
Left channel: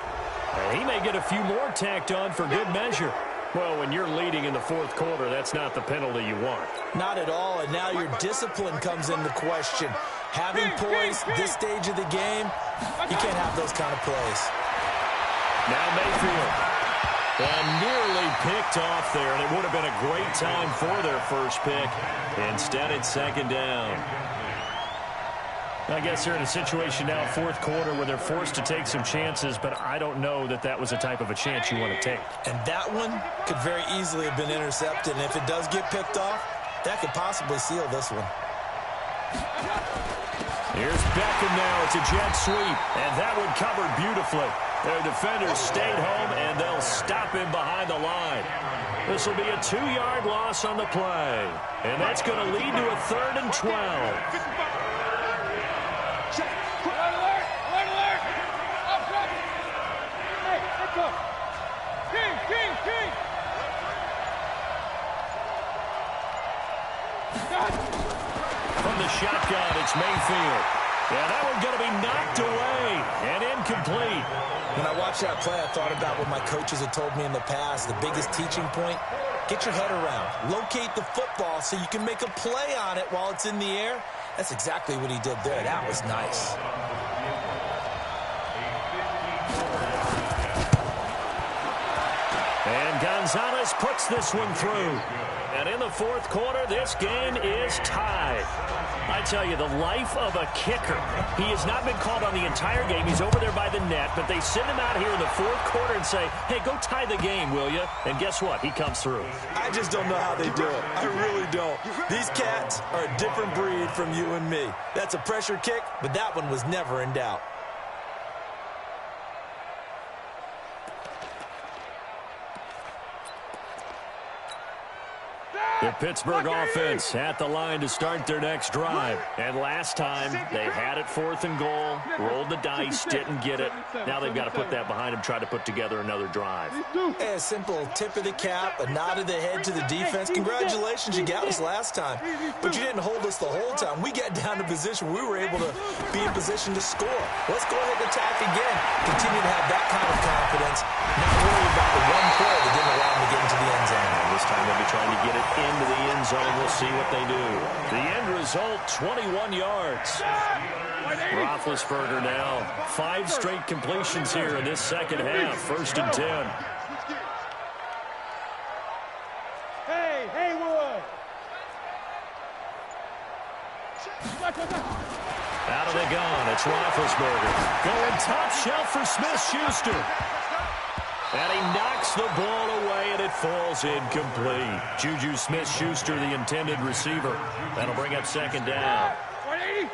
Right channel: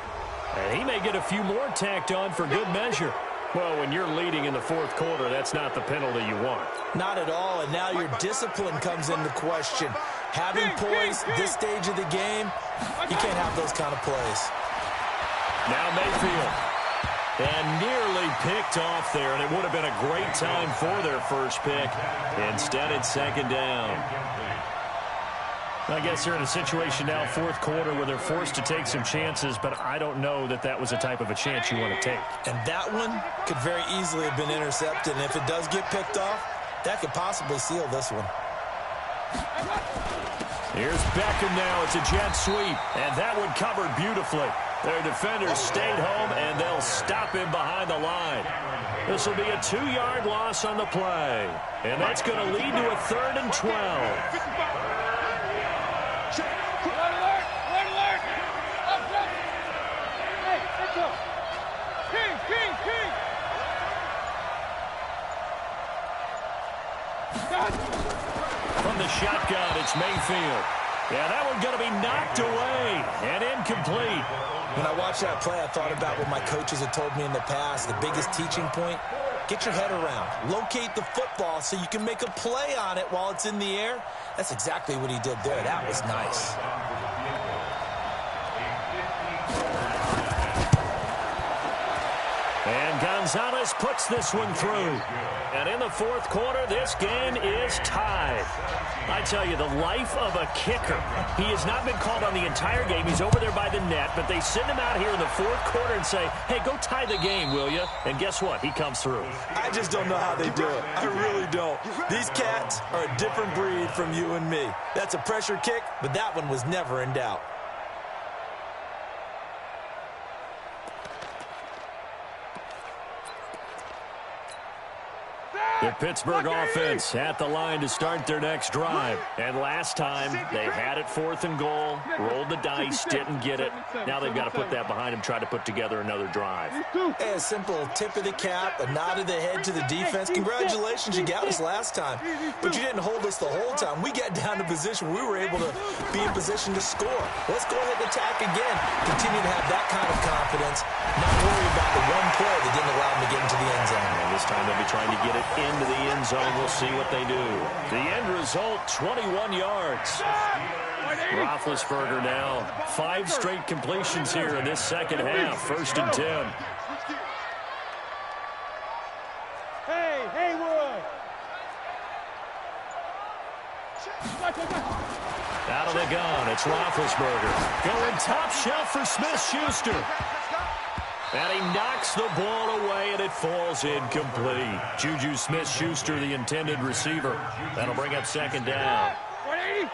And he may get a few more tacked on for good measure. Well, when you're leading in the 4th quarter, that's not the penalty you want. Not at all, and now your discipline comes into question. Having poise this stage of the game, you can't have those kind of plays. Now Mayfield. And nearly picked off there, and it would have been a great time for their first pick. Instead, it's 2nd down. I guess they're in a situation now, 4th quarter, where they're forced to take some chances, but I don't know that that was the type of a chance you want to take. And that one could very easily have been intercepted, and if it does get picked off, that could possibly seal this one. Here's Beckham now. It's a jet sweep, and that one covered beautifully. Their defenders stayed home, and they'll stop him behind the line. This will be a 2-yard loss on the play, and that's going to lead to a 3rd and 12. King! From the shotgun, it's Mayfield. Yeah, that one's going to be knocked away and incomplete. When I watched that play, I thought about what my coaches had told me in the past. The biggest teaching point Get your head around. Locate the football so you can make a play on it while it's in the air. That's exactly what he did there. That was nice. And Gonzalez puts this one through. And in the fourth quarter, this game is tied. I tell you, the life of a kicker. He has not been called on the entire game. He's over there by the net, but they send him out here in the fourth quarter and say, hey, go tie the game, will you? And guess what? He comes through. I just don't know how they do it. I really don't. These cats are a different breed from you and me. That's a pressure kick, but that one was never in doubt. The Pittsburgh offense at the line to start their next drive. And last time, they had it 4th and goal, rolled the dice, didn't get it. Now they've got to put that behind them, try to put together another drive. Hey, a simple tip of the cap, a nod of the head to the defense. Congratulations, you got us last time. But you didn't hold us the whole time. We got down to position. We were able to be in position to score. Let's go ahead and attack again. Continue to have that kind of confidence. Not worry about the one play that didn't allow them to get into the end zone. And this time they'll be trying to get it into the end zone. We'll see what they do. The end result, 21 yards. Roethlisberger now. 5 straight completions here in this second half. 1st and 10. Hey, Haywood. Out of the gun, it's Roethlisberger. Going top shelf for Smith-Schuster. And he knocks the ball away, and it falls incomplete. Juju Smith-Schuster, the intended receiver. That'll bring up 2nd down.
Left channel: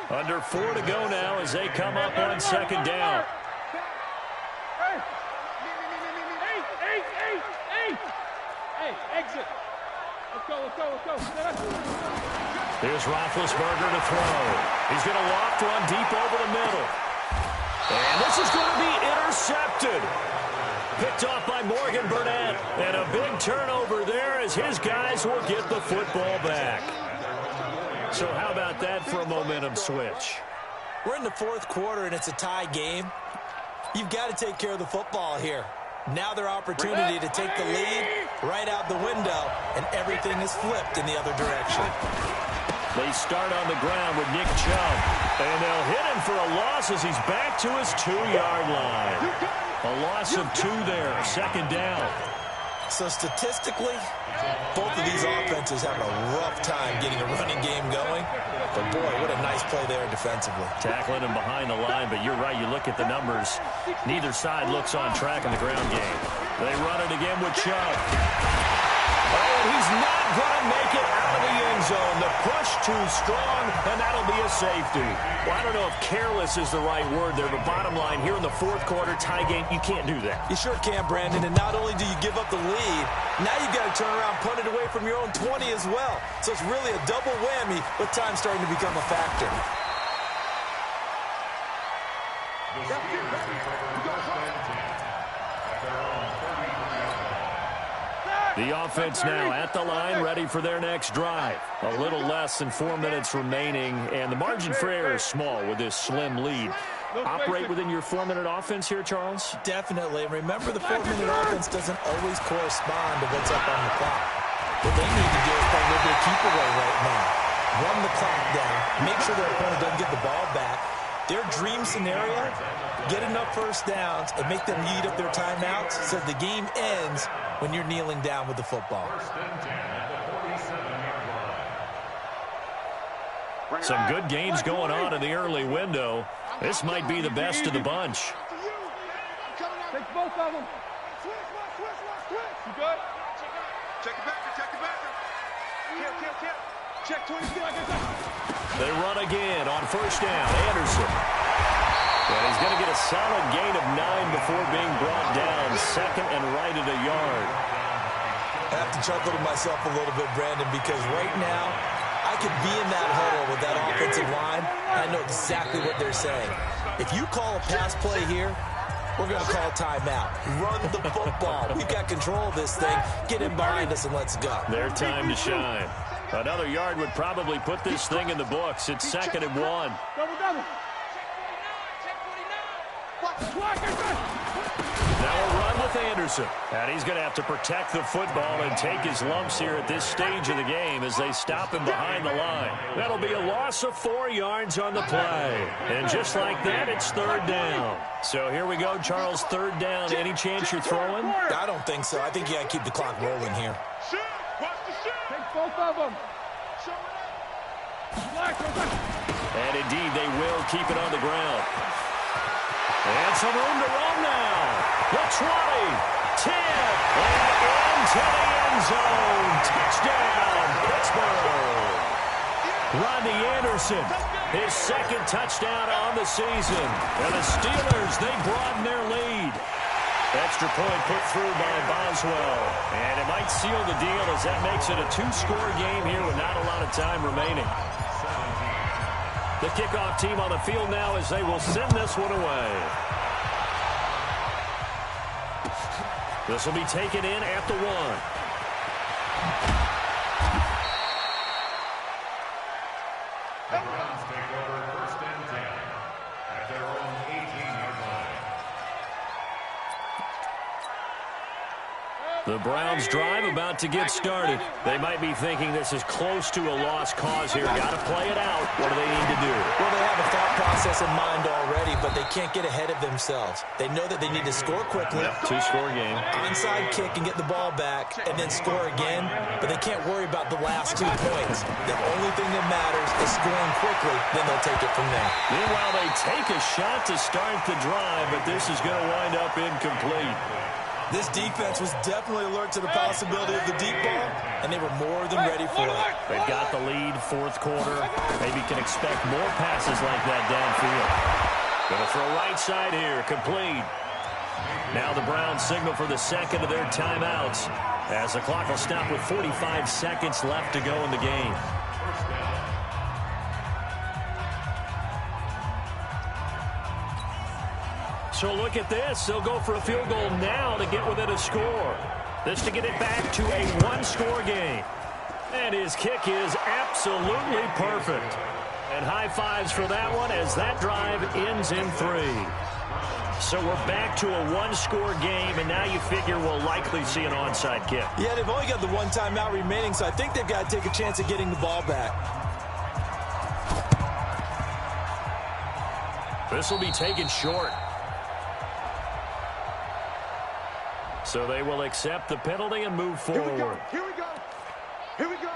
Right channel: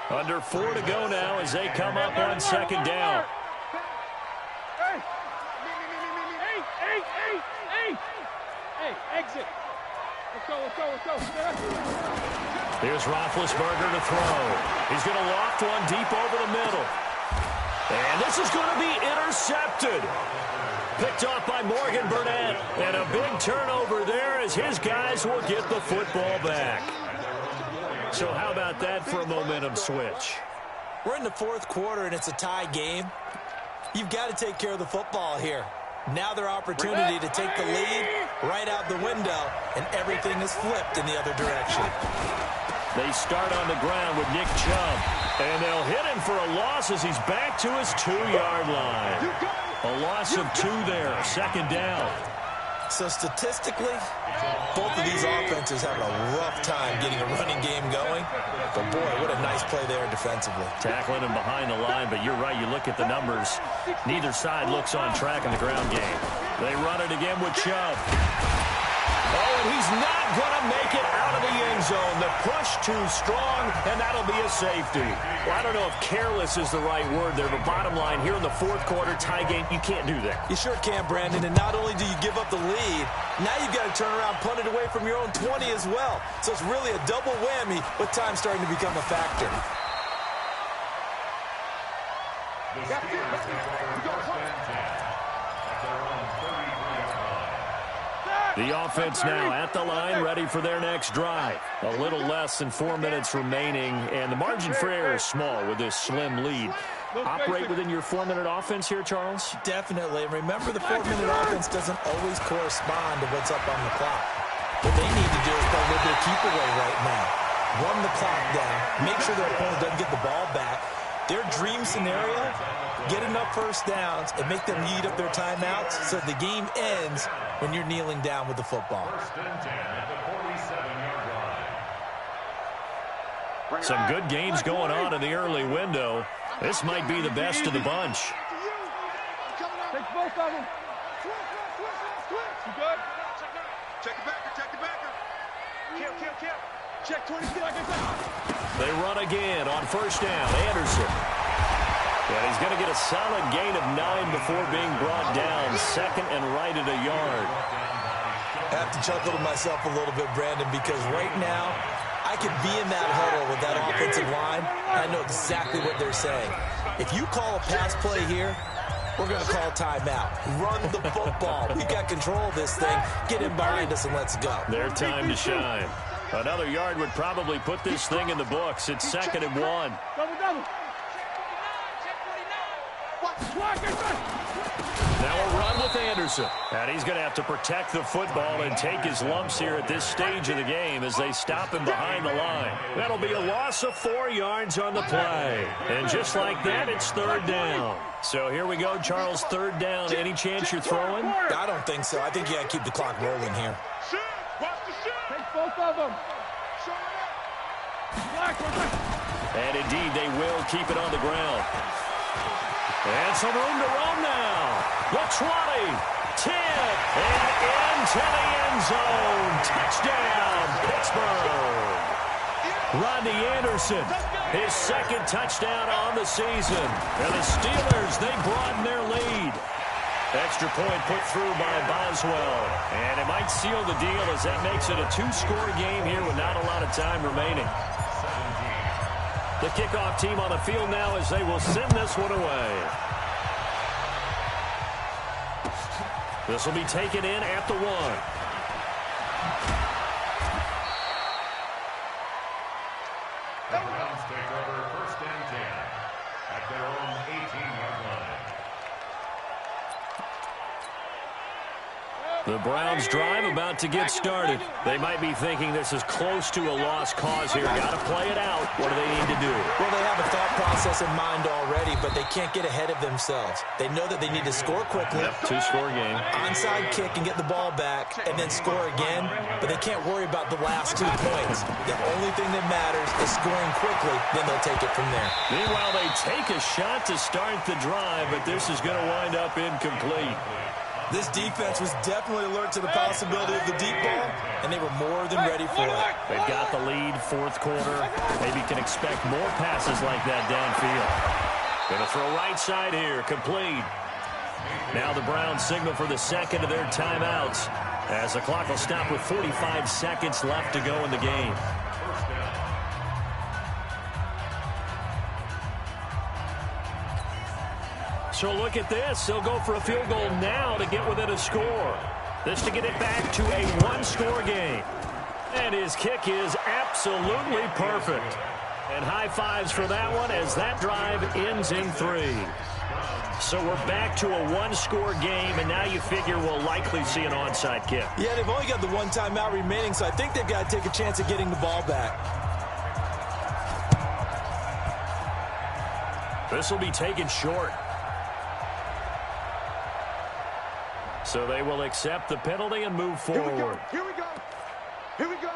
Under 4 to go now as they come up on 2nd down. Hey, exit. Let's go. Here's Roethlisberger to throw. He's going to loft one deep over the middle. And this is going to be intercepted. Picked off by Morgan Burnett. And a big turnover there as his guys will get the football back. So how about that for a momentum switch? We're in the 4th quarter, and it's a tie game. You've got to take care of the football here. Now their opportunity to take the lead right out the window, and everything is flipped in the other direction. They start on the ground with Nick Chubb. And they'll hit him for a loss as he's back to his 2-yard line. A loss of 2 there, 2nd down. So statistically, both of these offenses having a rough time getting a running game going. But boy, what a nice play there defensively. Tackling him behind the line, but you're right, you look at the numbers. Neither side looks on track in the ground game. They run it again with Chubb. Oh, and he's not going to make it out of the end zone. The push too strong, and that'll be a safety. Well, I don't know if careless is the right word there, but bottom line, here in the 4th quarter, tie game, you can't do that. You sure can, Brandon, and not only do you give up the lead, now you've got to turn around, punt it away from your own 20 as well. So it's really a double whammy with time starting to become a factor. The Steelers take over 1st and 10 at their own 33-yard line. The offense now at the line, ready for their next drive. A little less than 4 minutes remaining, and the margin for error is small with this slim lead. Operate within your 4-minute offense here, Charles? Definitely. Remember, the 4-minute offense doesn't always correspond to what's up on the clock. What they need to do is play a little bit of keep away right now. Run the clock down. Make sure their opponent doesn't get the ball back. Their dream scenario, get enough first downs and make them eat up their timeouts so the game ends when you're kneeling down with the football. 1st and 10 at the 47-yard line. Some good gains going on in the early window. This might be the best of the bunch. Take both of them. You good? Check the backer. Kill. Check 20 seconds. They run again on 1st down. Anderson. And he's going to get a solid gain of 9 before being brought down. 2nd and right at a yard. I have to chuckle to myself a little bit, Brandon, because right now I could be in that huddle with that offensive line, and I know exactly what they're saying. If you call a pass play here, we're going to call timeout. Run the football. We've got control of this thing. Get in behind us and let's go. Their time to shine. Another yard would probably put this thing in the books. It's 2nd and 1. Double. Now a run on with Anderson. And he's going to have to protect the football and take his lumps here at this stage of the game as they stop him behind the line. That'll be a loss of 4 yards on the play. And just like that, it's third down. So here we go, Charles, third down. Any chance you're throwing? I don't think so. I think you got to keep the clock rolling here. Watch the shit. Take both of them. Show it up. And indeed, they will keep it on the ground. And some room to run now. The 20, 10, and into the end zone. Touchdown, Pittsburgh. Rodney Anderson, his second touchdown on the season. And the Steelers, they broaden their lead. Extra point put through by Boswell. And it might seal the deal as that makes it a 2-score game here with not a lot of time remaining. The kickoff team on the field now as they will send this one away. This will be taken in at the 1. The Browns take over first and 10 at their own 18-yard line. The Browns drive about to get started. They might be thinking this is close to a lost cause here. Got to play it out. What do they need to do? Well, they have a thought process in mind already, but they can't get ahead of themselves. They know that they need to score quickly. Yep, 2-score game. Onside kick and get the ball back and then score again, but they can't worry about the last 2 points. The only thing that matters is scoring quickly, then they'll take it from there. Meanwhile, they take a shot to start the drive, but this is going to wind up incomplete. This defense was definitely alert to the possibility of the deep ball, and they were more than ready for it. They've got the lead, fourth quarter. Maybe can expect more passes like that downfield. Going to throw right side here, complete. Now the Browns signal for the second of their timeouts as the clock will stop with 45 seconds left to go in the game. So look at this. They'll go for a field goal now to get within a score. This to get it back to a 1-score game. And his kick is absolutely perfect. And high fives for that one as that drive ends in 3. So we're back to a 1-score game, and now you figure we'll likely see an onside kick. Yeah, they've only got the 1 timeout remaining, so I think they've got to take a chance at getting the ball back. This will be taken short. So they will accept the penalty and move forward. Here we go. Here we go.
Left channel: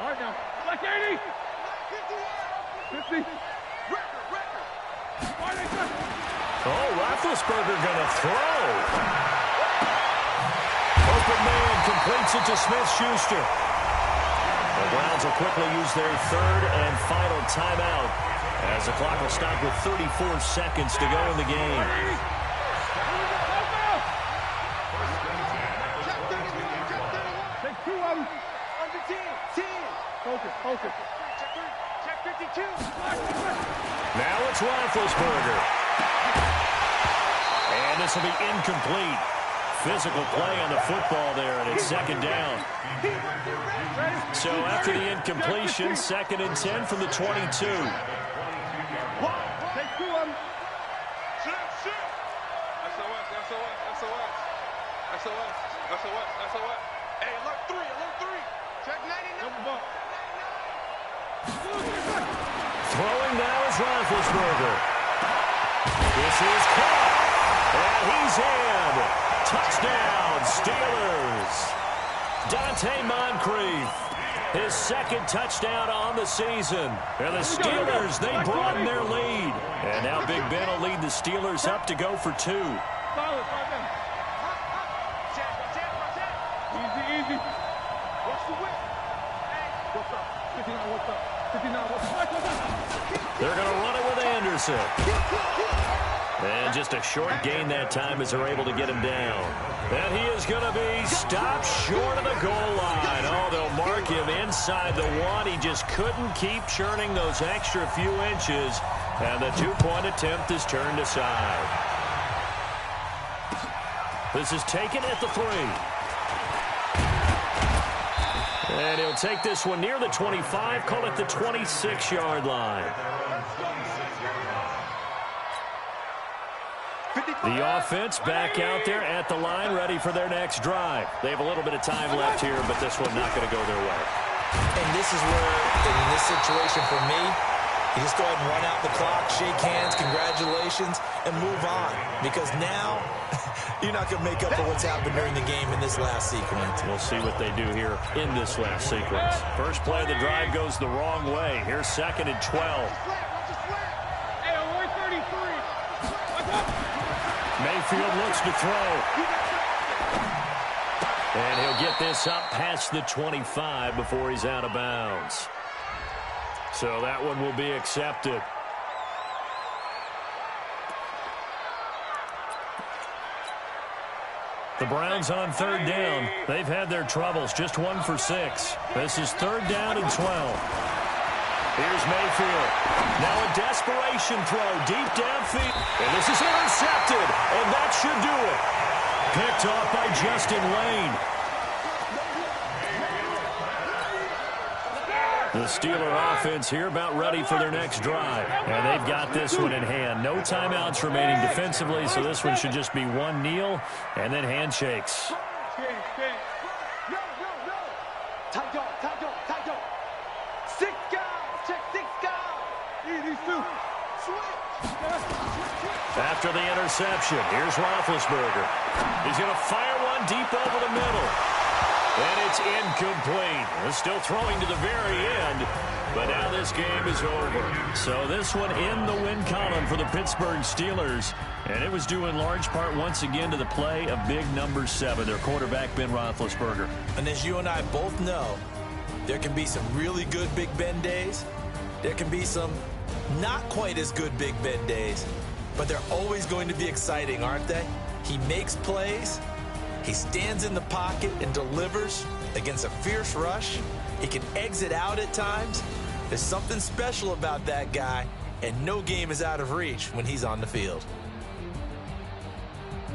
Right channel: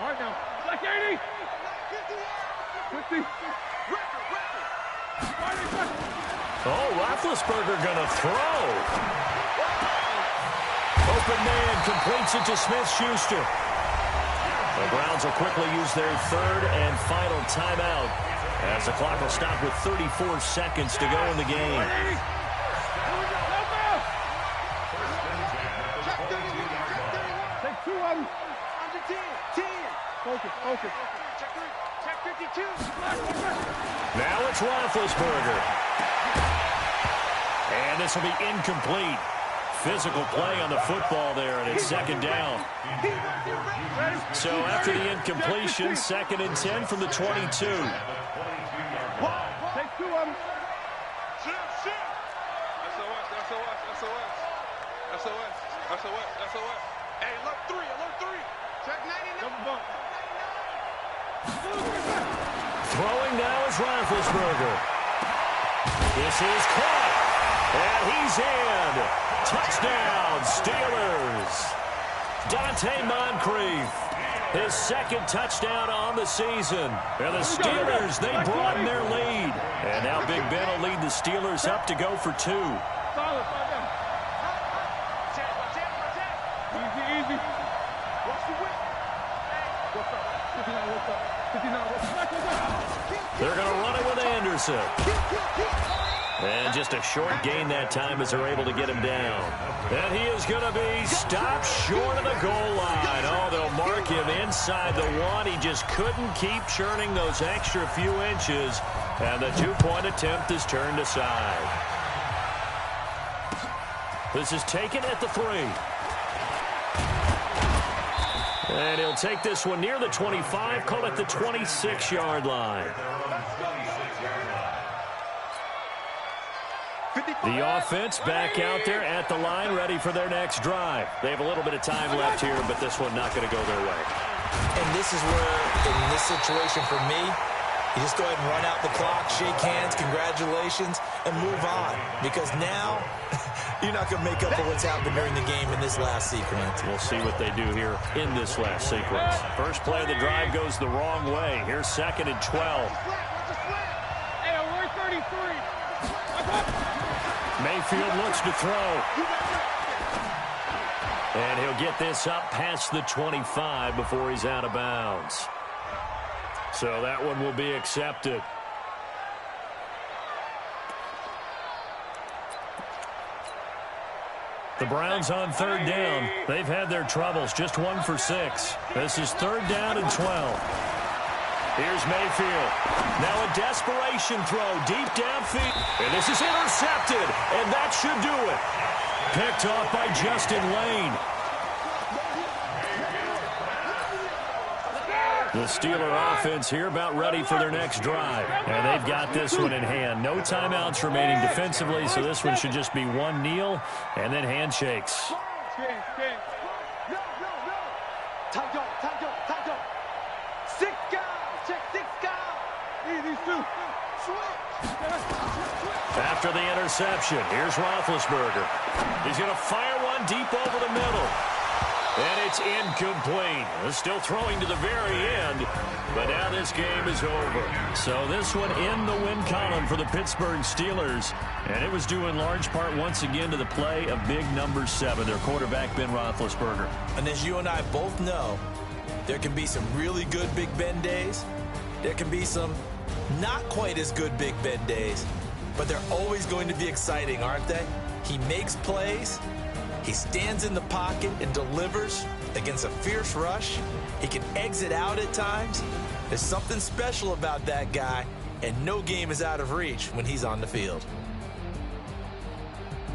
All right, now. Black 80. 50. Oh, Roethlisberger going to throw. Open man completes it to Smith-Schuster. The Browns will quickly use their third and final timeout as the clock will stop with 34 seconds to go in the game. Take 2 of them. Under 10. 10. Focus, focus. Check 3. Check 52. Now it's Roethlisberger. And this will be incomplete. Physical play on the football there, and it's second down. So after the incompletion, 2nd and 10 from the 22. Take 2 of them. Shift. SOS. Hey, alert 3. Check 99. Throwing now is Roethlisberger. This is caught, and he's in. Touchdown, Steelers. Dante Moncrief, his 2nd touchdown on the season. And the Steelers, they broaden their lead. And now Big Ben will lead the Steelers up to go for 2. Solid, right there. Easy. Watch the whip. What's up? 59, what's up? 59, what's up? They're going to run it with Anderson. And just a short gain that time as they're able to get him down. And he is going to be stopped short of the goal line. Oh, they'll mark him inside the 1. He just couldn't keep churning those extra few inches. And the 2-point attempt is turned aside. This is taken at the 3. And he'll take this one near the 25, call it the 26-yard line. The offense back out there at the line, ready for their next drive. They have a little bit of time left here, but this one not going to go their way. And this is where, in this situation for me, you just go ahead and run out the clock, shake hands, congratulations, and move on. Because now, you're not going to make up for what's happened during the game in this last sequence. We'll see what they do here in this last sequence. First play of the drive goes the wrong way. Here's 2nd and 12. Hey, alert 33. Mayfield looks to throw. And he'll get this up past the 25 before he's out of bounds. So that one will be accepted. The Browns on 3rd down. They've had their troubles, just 1 for 6. This is 3rd down and 12. Here's Mayfield. Now a desperation throw deep downfield. And this is intercepted, and that should do it. Picked off by Justin Lane. The Steeler offense here about ready for their next drive. And they've got this one in hand. No timeouts remaining defensively, so this one should just be one kneel and then handshakes. No. Tight dog. 6 guys. Check 6 guys. These two. Switch. After the interception, here's Roethlisberger. He's going to fire one deep over the middle. And it's incomplete. Still throwing to the very end, but now this game is over. So this one in the win column for the Pittsburgh Steelers, and it was due in large part once again to the play of big number 7, their quarterback Ben Roethlisberger. And as you and I both know, there can be some really good Big Ben days. There can be some not quite as good Big Ben days, but they're always going to be exciting, aren't they? He makes plays. He stands in the pocket and delivers against a fierce rush. He can exit out at times. There's something special about that guy, and no game is out of reach when he's on the field.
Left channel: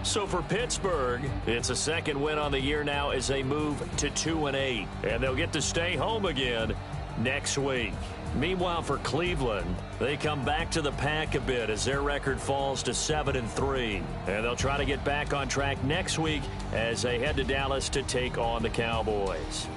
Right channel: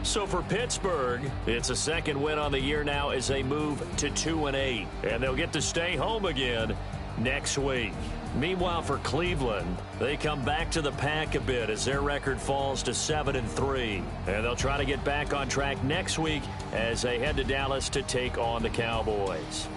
So for Pittsburgh, it's a 2nd win on the year now as they move to 2-8. And they'll get to stay home again next week. Meanwhile, for Cleveland, they come back to the pack a bit as their record falls to 7-3. And they'll try to get back on track next week as they head to Dallas to take on the Cowboys.